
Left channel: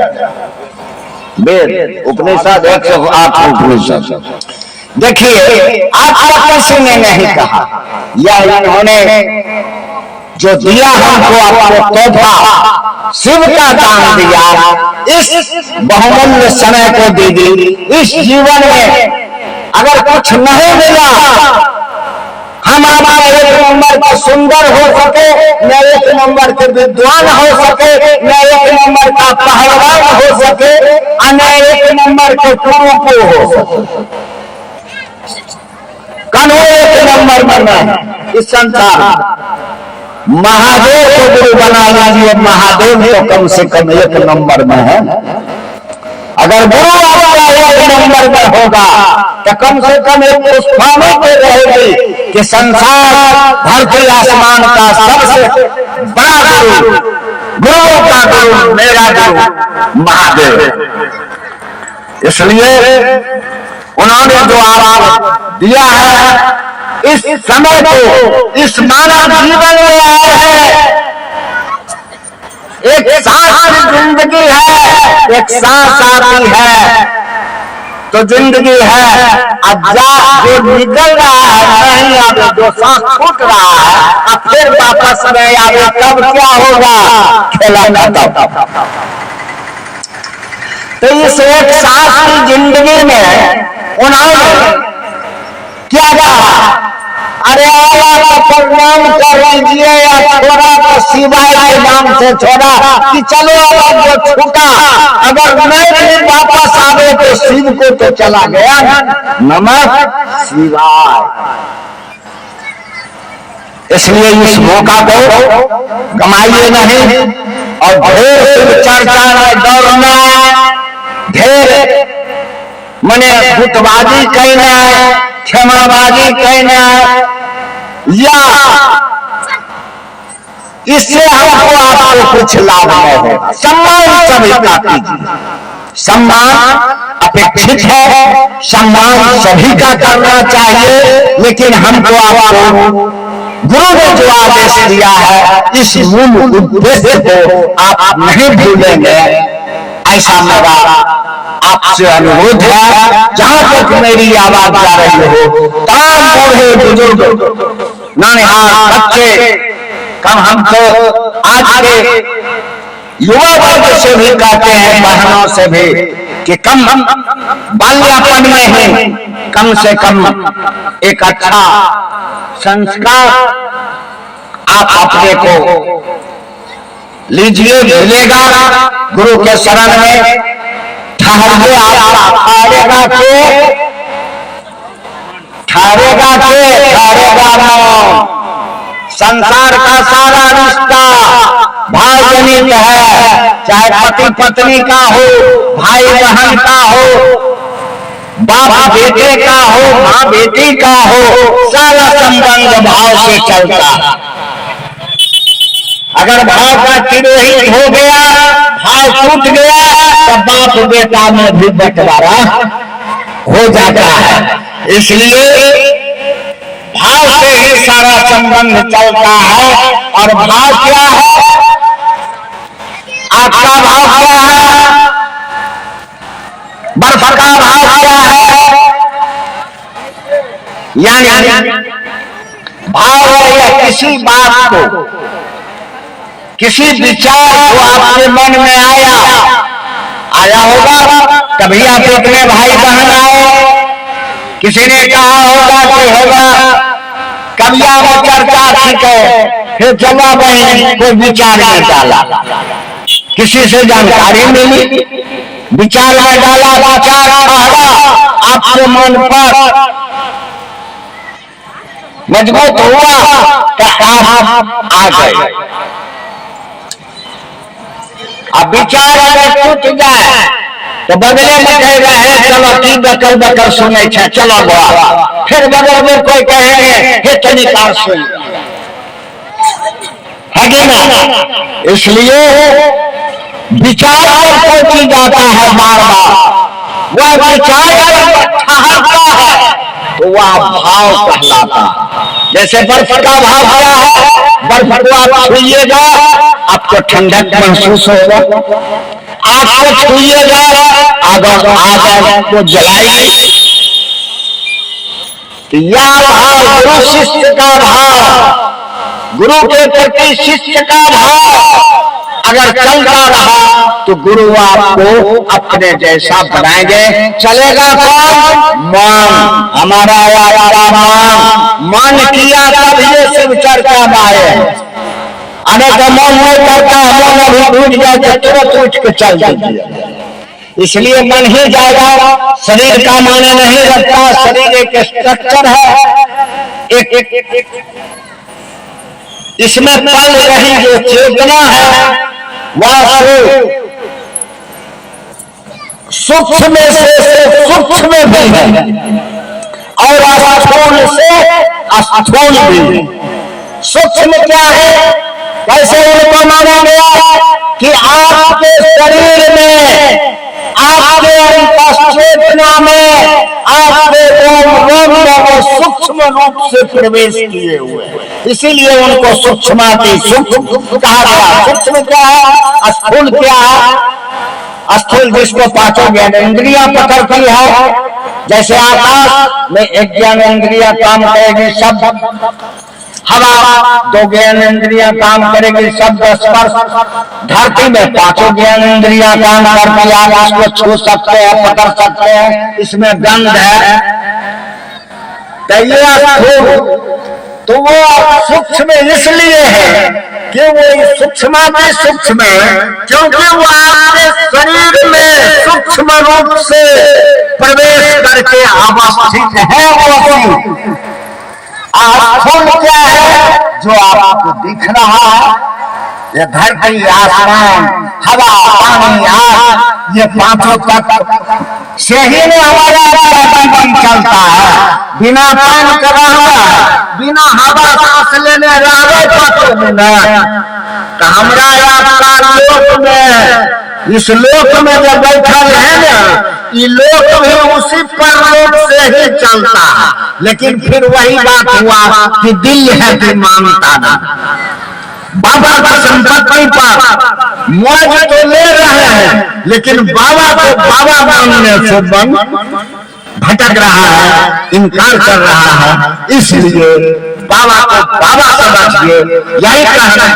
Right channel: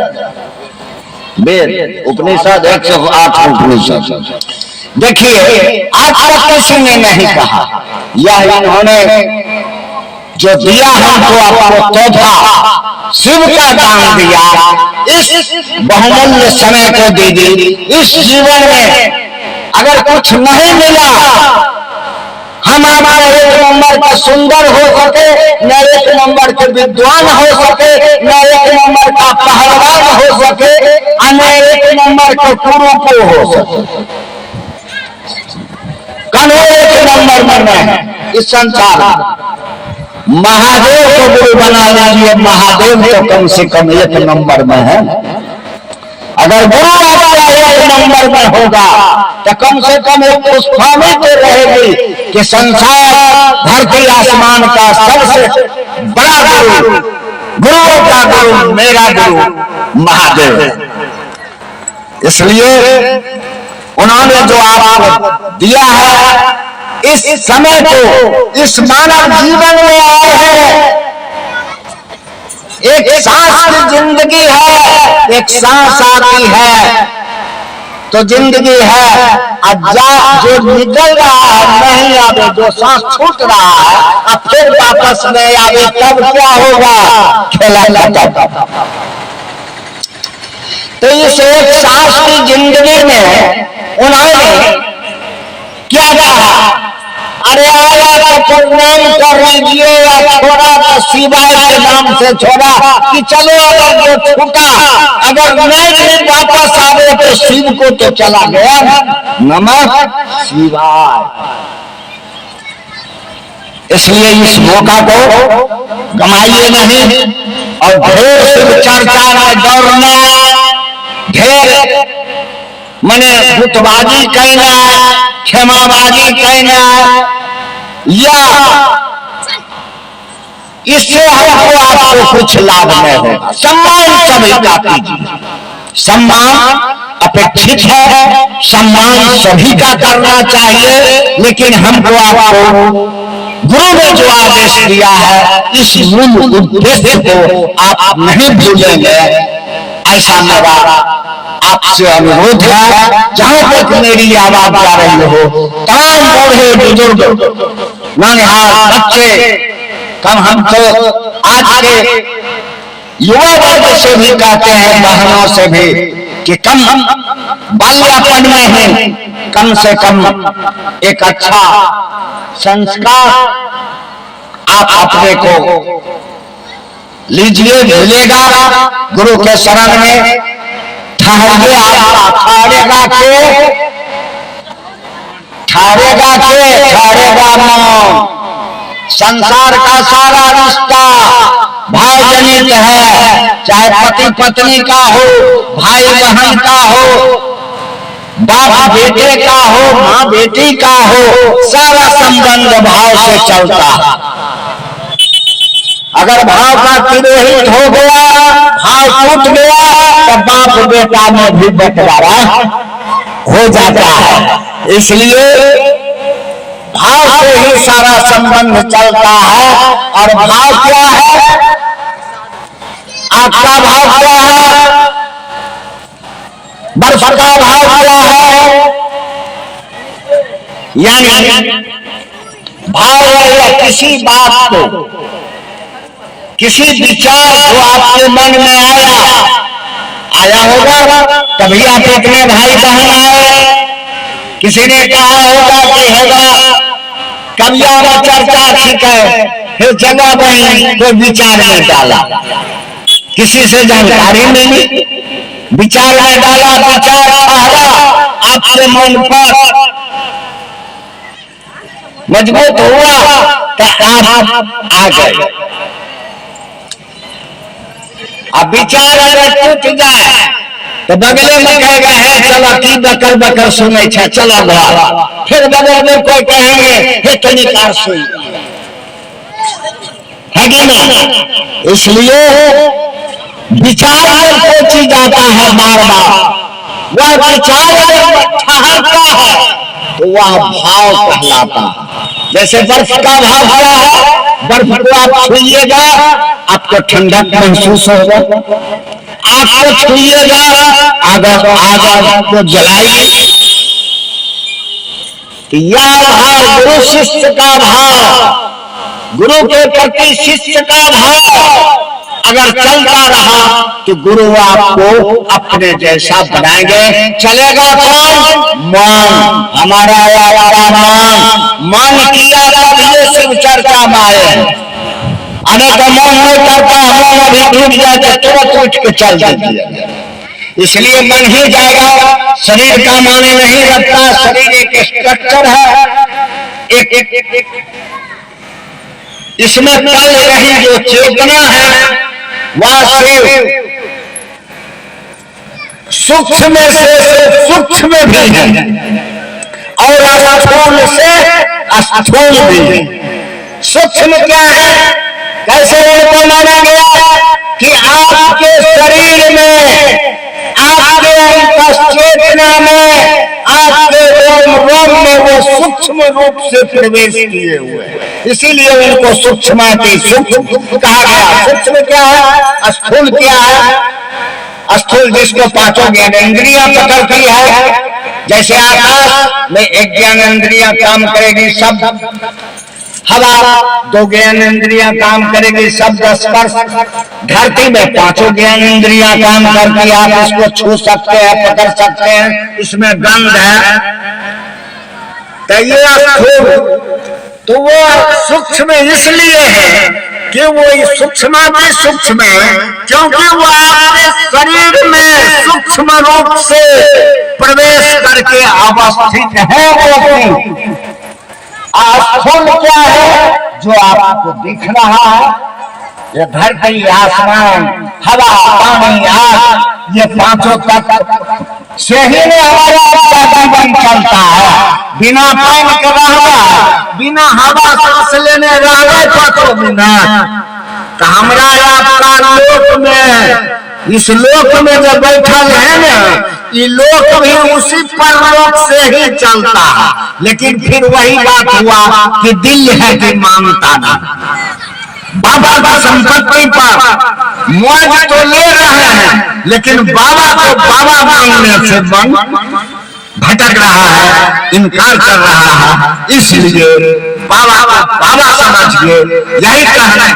वेद उपनिषद, 108 उपनिषद। देखिए आज तक किसी ने नहीं कहा, या इन्होंने जो दिया हमको आपको तोहफा, शिव का दान दिया, इस बहुमूल्य समय को दे दी। इस जीवन में अगर कुछ नहीं मिला, हम हमारा 1 नंबर का सुंदर हो सके, न 1 नंबर के विद्वान हो सके, न 1 नंबर का पहलवान हो सके, न 1 नंबर के कुरूप हो सके, कौन 1 नंबर में नहीं। इस संसार महादेव को गुरु बना लीजिए, महादेव तो कम से कम 1 नंबर में है। अगर गुरु आपका 1 नंबर में होगा तो कम से कम एक पुष्पानी तो रहेगी कि संसार धरती आसमान का सबसे बड़ा गुरु, गुरु का गुरु, मेरा गुरु महादेव। इसलिए उन्होंने जो आवाज दिया है इस समय को इस मानव जीवन में आए हैं। एक सांस की जिंदगी है, एक सांस आती है तो जिंदगी है। अब जो निकल रहा है नहीं आवे, जो सांस छूट रहा है अब फिर वापस नहीं आवे, तब क्या होगा? खेला खत्म। तो इस एक सांस की जिंदगी में उन्होंने क्या कहा? अरे आया तो प्रणाम कर लीजिए, या छोड़ा तो शिवाय के नाम से छोड़ा कि चलो अगर जो छूटा अगर नहीं वापस आवे तो शिव को तो चला गया ना। नमः शिवाय। इसलिए इस मौका को गमाइए नहीं और ढेर शिव चर्चा में दौड़ना, ढेर मने गुटबाजी कहना, क्षमाबाजी कहना, या इससे हमको आपको कुछ लाभ नहीं होगा। सम्मान सभी का कीजिए, सम्मान अपेक्षित है, सम्मान सभी का करना चाहिए, लेकिन हमको आपको गुरु ने जो आदेश दिया है इस मूल उद्देश्य को आप नहीं भूलेंगे, ऐसा मेरा आपसे अनुरोध है। जहां तक मेरी आवाज जा रही हो, तमाम बूढ़े बुजुर्ग नौनिहाल बच्चे, कम हम तो आज के युवा वर्ग से भी कहते हैं, बहनों से भी, कि कम बाल्यापन में ही कम से कम एक अच्छा संस्कार आप अपने को लीजिए, मिलेगा गुरु के शरण में। ठहरिए, ठहरेगा मौन। संसार का सारा रिश्ता भाव जनित है, चाहे पति पत्नी का हो, भाई बहन का हो, बाप बेटे का हो, माँ बेटी का हो, सारा संबंध भाव से चलता है। अगर भाव का तिरोहित हो गया, भाव टूट गया, तो बाप बेटा में भी बंटवारा हो जाता है। इसलिए भाव से ही सारा संबंध चलता है। और भाव क्या है? आपका भाव क्या है? बर्फ का भाव क्या है? यानी भाव किसी बात को, किसी विचार जो आपके मन में आया होगा। कभी आप अपने भाई बहन आए, किसी ने कहा होगा कि होगा, कभी आप चर्चा ठीक है, फिर चला बहन को विचार में डाला, किसी से जानकारी मिली, विचार में डाला, विचार ठहरा आपके मन पर मजबूत हुआ तो आप आ गए। अब विचार अगर टूट जाए तो बगले में कहेगा है चलो की बकर बकर सुने छे, चलो गया। फिर बगल में कोई कहेंगे हे तनिकार सुन, है कि ना? इसलिए विचार पर पहुंची जाता है बार बार, वह विचार ठहरता है तो वह भाव कहलाता है। जैसे बर्फ का भाव क्या है? बर्फ को आप छुइएगा आपको ठंडक महसूस होगा, आपको छुइएगा अगर आग आपको जलाएगी। यह भाव गुरु शिष्य का भाव, गुरु के प्रति शिष्य का भाव अगर चलता रहा तो गुरु आपको अपने जैसा बनाएंगे। चलेगा कौन? मन। हमारा आपका मन किया तब ये शिव चर्चा में आए। अनेक मन नहीं करता, मन अभी टूट जाए तो तुरंत उठ के चल दीजिए। इसलिए मन ही जाएगा, शरीर का माने नहीं रखता। शरीर एक स्ट्रक्चर है, एक इसमें पल रही जो चेतना है वह सूक्ष्म से सूक्ष्म भी है और स्थूल से स्थूल भी है। सूक्ष्म क्या है? कैसे इनको माना गया कि आपके शरीर में, आपके अंतःचेतना में, आपके रोम रोम में वो सूक्ष्म सूक्ष्म रूप से प्रवेश किए हुए, इसीलिए उनको सूक्ष्माति सूक्ष्म कहा गया। सूक्ष्म क्या है, स्थूल क्या है? स्थूल जिसको पांचों ज्ञानेंद्रियां पकड़ती है, जैसे आकाश में एक ज्ञानेंद्रियां काम करेगी शब्द, हवा दो ज्ञानेंद्रियां काम करेगी शब्द स्पर्श, धरती में पांचों ज्ञानेंद्रियां काम करती है। आप इसको छू सकते हैं, पकड़ सकते हैं, इसमें गंध है। तो ये स्थूल, तो वो सूक्ष्म इसलिए है कि वो सूक्ष्म में सूक्ष्म है, क्योंकि वो आपके शरीर में सूक्ष्म रूप से प्रवेश करके अवस्थित है। वो स्थूल क्या है, जो आपको दिख रहा है, ये धरती, आसमान, हवा, पानी, आग, ये पांचों तत्व से ही में हमारा जीवन चलता है। बिना पान के रहना, बिना हवा सांस लेने रहे तो बिना हमरा आपका लोक में, इस लोक में जो बैठल है ना, ये लोक भी उसी परलोक से ही चलता है। लेकिन फिर वही बात हुआ कि दिल है कि मानता ना। बाबा की संपत्ति पर मौज तो ले रहे हैं, लेकिन बाबा को बाबा मानने से मन भटक रहा है, इनकार कर रहा है। इसलिए बाबा को बाबा समझिए। यही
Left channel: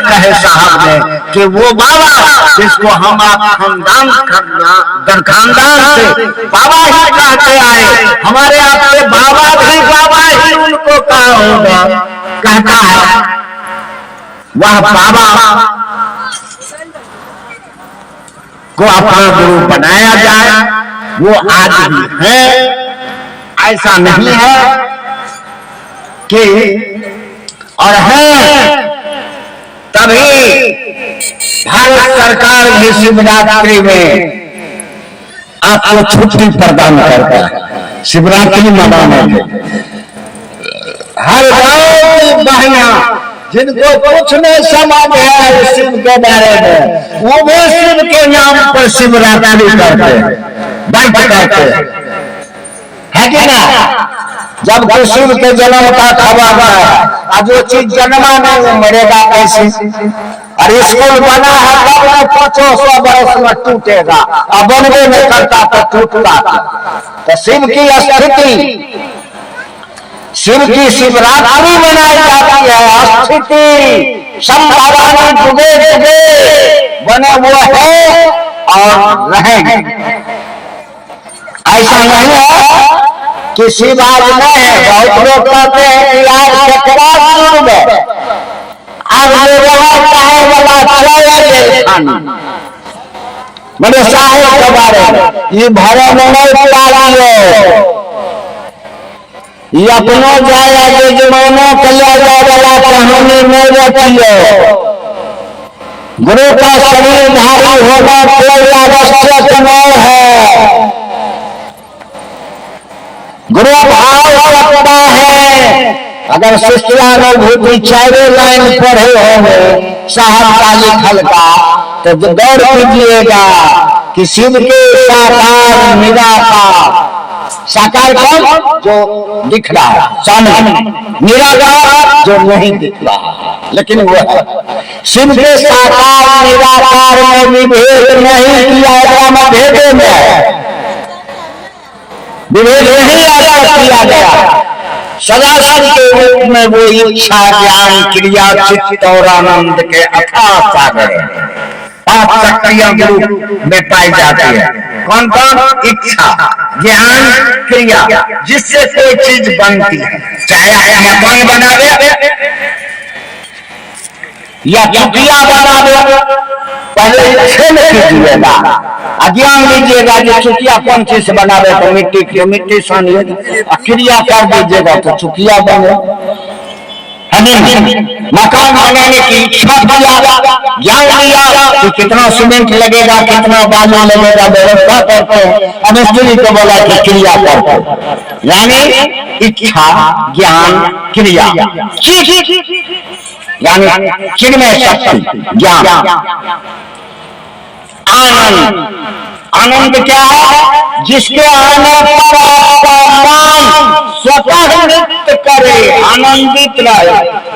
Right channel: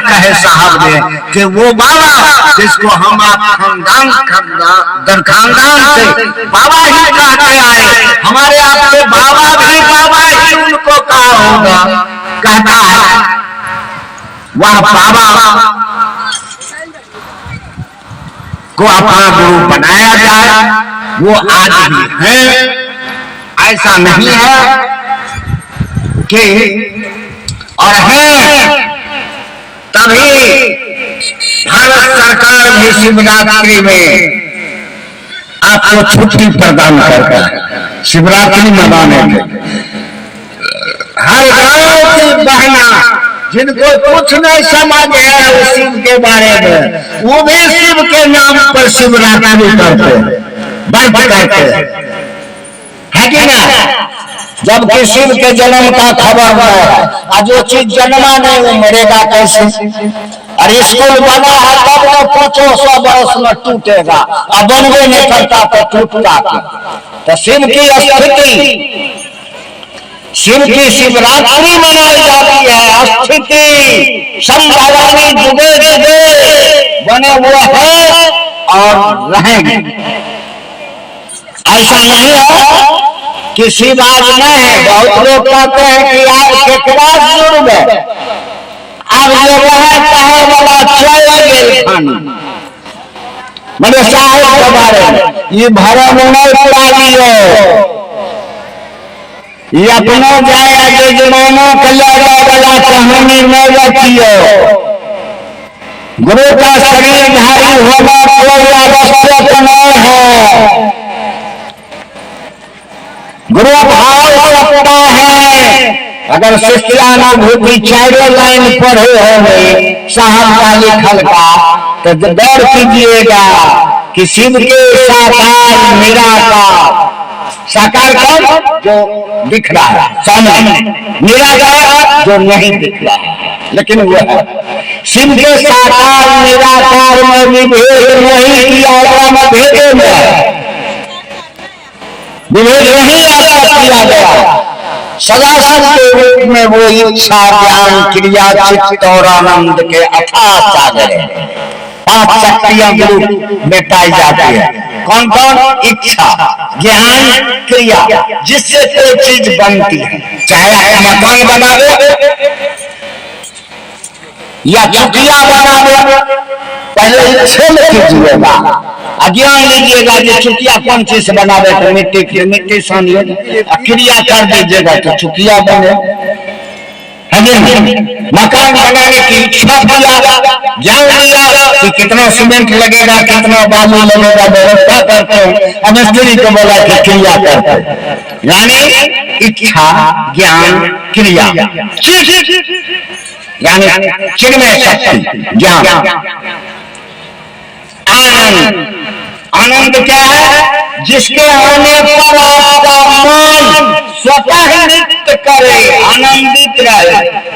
कहे साहब ने कि वो बाबा जिसको हम आप खानदान से बाबा ही कहते आए, हमारे आपके बाबा भी बाबा ही उनको कहा होगा, कहता है वह बाबा को अपना गुरु बनाया जाए। वो आज भी है, ऐसा नहीं है कि, और है तभी भारत सरकार भी शिवरात्रि में आपको छुट्टी प्रदान करता है। शिवरात्रि मनाने में हर गांव की बहना जिनको कुछ नहीं समझ है उस शिव के बारे में, वो भी शिव के नाम पर शिवरात्रि करते हैं, बैठ करते है कि ना। जब शिव के जन्म का खबर है, जो चीज जन्मा नहीं वो मरेगा कैसे? और स्कूल बना है तब न 500 बरस में टूटेगा, और बनवे नहीं करता तो टूटता। तो शिव की स्थिति, शिव की शिवरात्रि मनाई जाती है। स्थिति संभवानी जुगे जुगे बने हुए हैं और रहेंगे। ऐसा नहीं है कि शिव आज नहीं है। बहुत लोग कहते हैं कि आज केकरा शिव में आज ये रहा कहे वाला मेरे साहेब के बारे में ये भरे नहीं पुरानी है, ये अपनो जाए आगे जमानों के लाने वाला कहानी नहीं रहती है। गुरु का शरीर धारी होना कोई आवश्यक नहीं है। गुरु भाव सकता है। अगर शिष्यानुभूति 4 लाइन पढ़े होंगे साहब का लिखल का, तो गौर कीजिएगा कि शिव के साकार निराकार, साकार कौन जो दिख रहा है सामने, निराकार जो नहीं दिख रहा है लेकिन वो है। शिव के साकार निराकार में विभेद नहीं किया गया, भेदे में विभेद नहीं किया गया। सदाशिव के रूप में वो इच्छा ज्ञान क्रिया चित्त और आनंद के अथाह सागर है। 5 शक्तियां गुरु में पाई जाती है। कौन कौन? इच्छा ज्ञान क्रिया, जिससे कोई चीज बनती है। चाहे आप मकान बना दे या चुटिया बना दे, पहले इच्छा में कीजिएगा। अज्ञान लीजिएगा जो चुकिया कौन चीज से बनावे, तो मिट्टी की मिट्टी सानिए, क्रिया कर दीजिएगा तो चुकिया बने। मकान बनाने की इच्छा किया, ज्ञान लिया कि कितना सीमेंट लगेगा, कितना बालू लगेगा, व्यवस्था करते हैं। अब स्त्री को बोला कि क्रिया करते हैं, यानी इच्छा ज्ञान क्रिया, यानी चिन्मय शक्ति ज्ञान। आनंद, आनंद क्या है? जिसके आने पर आपका मन स्वतः नृत्य करे, आनंदित रहे।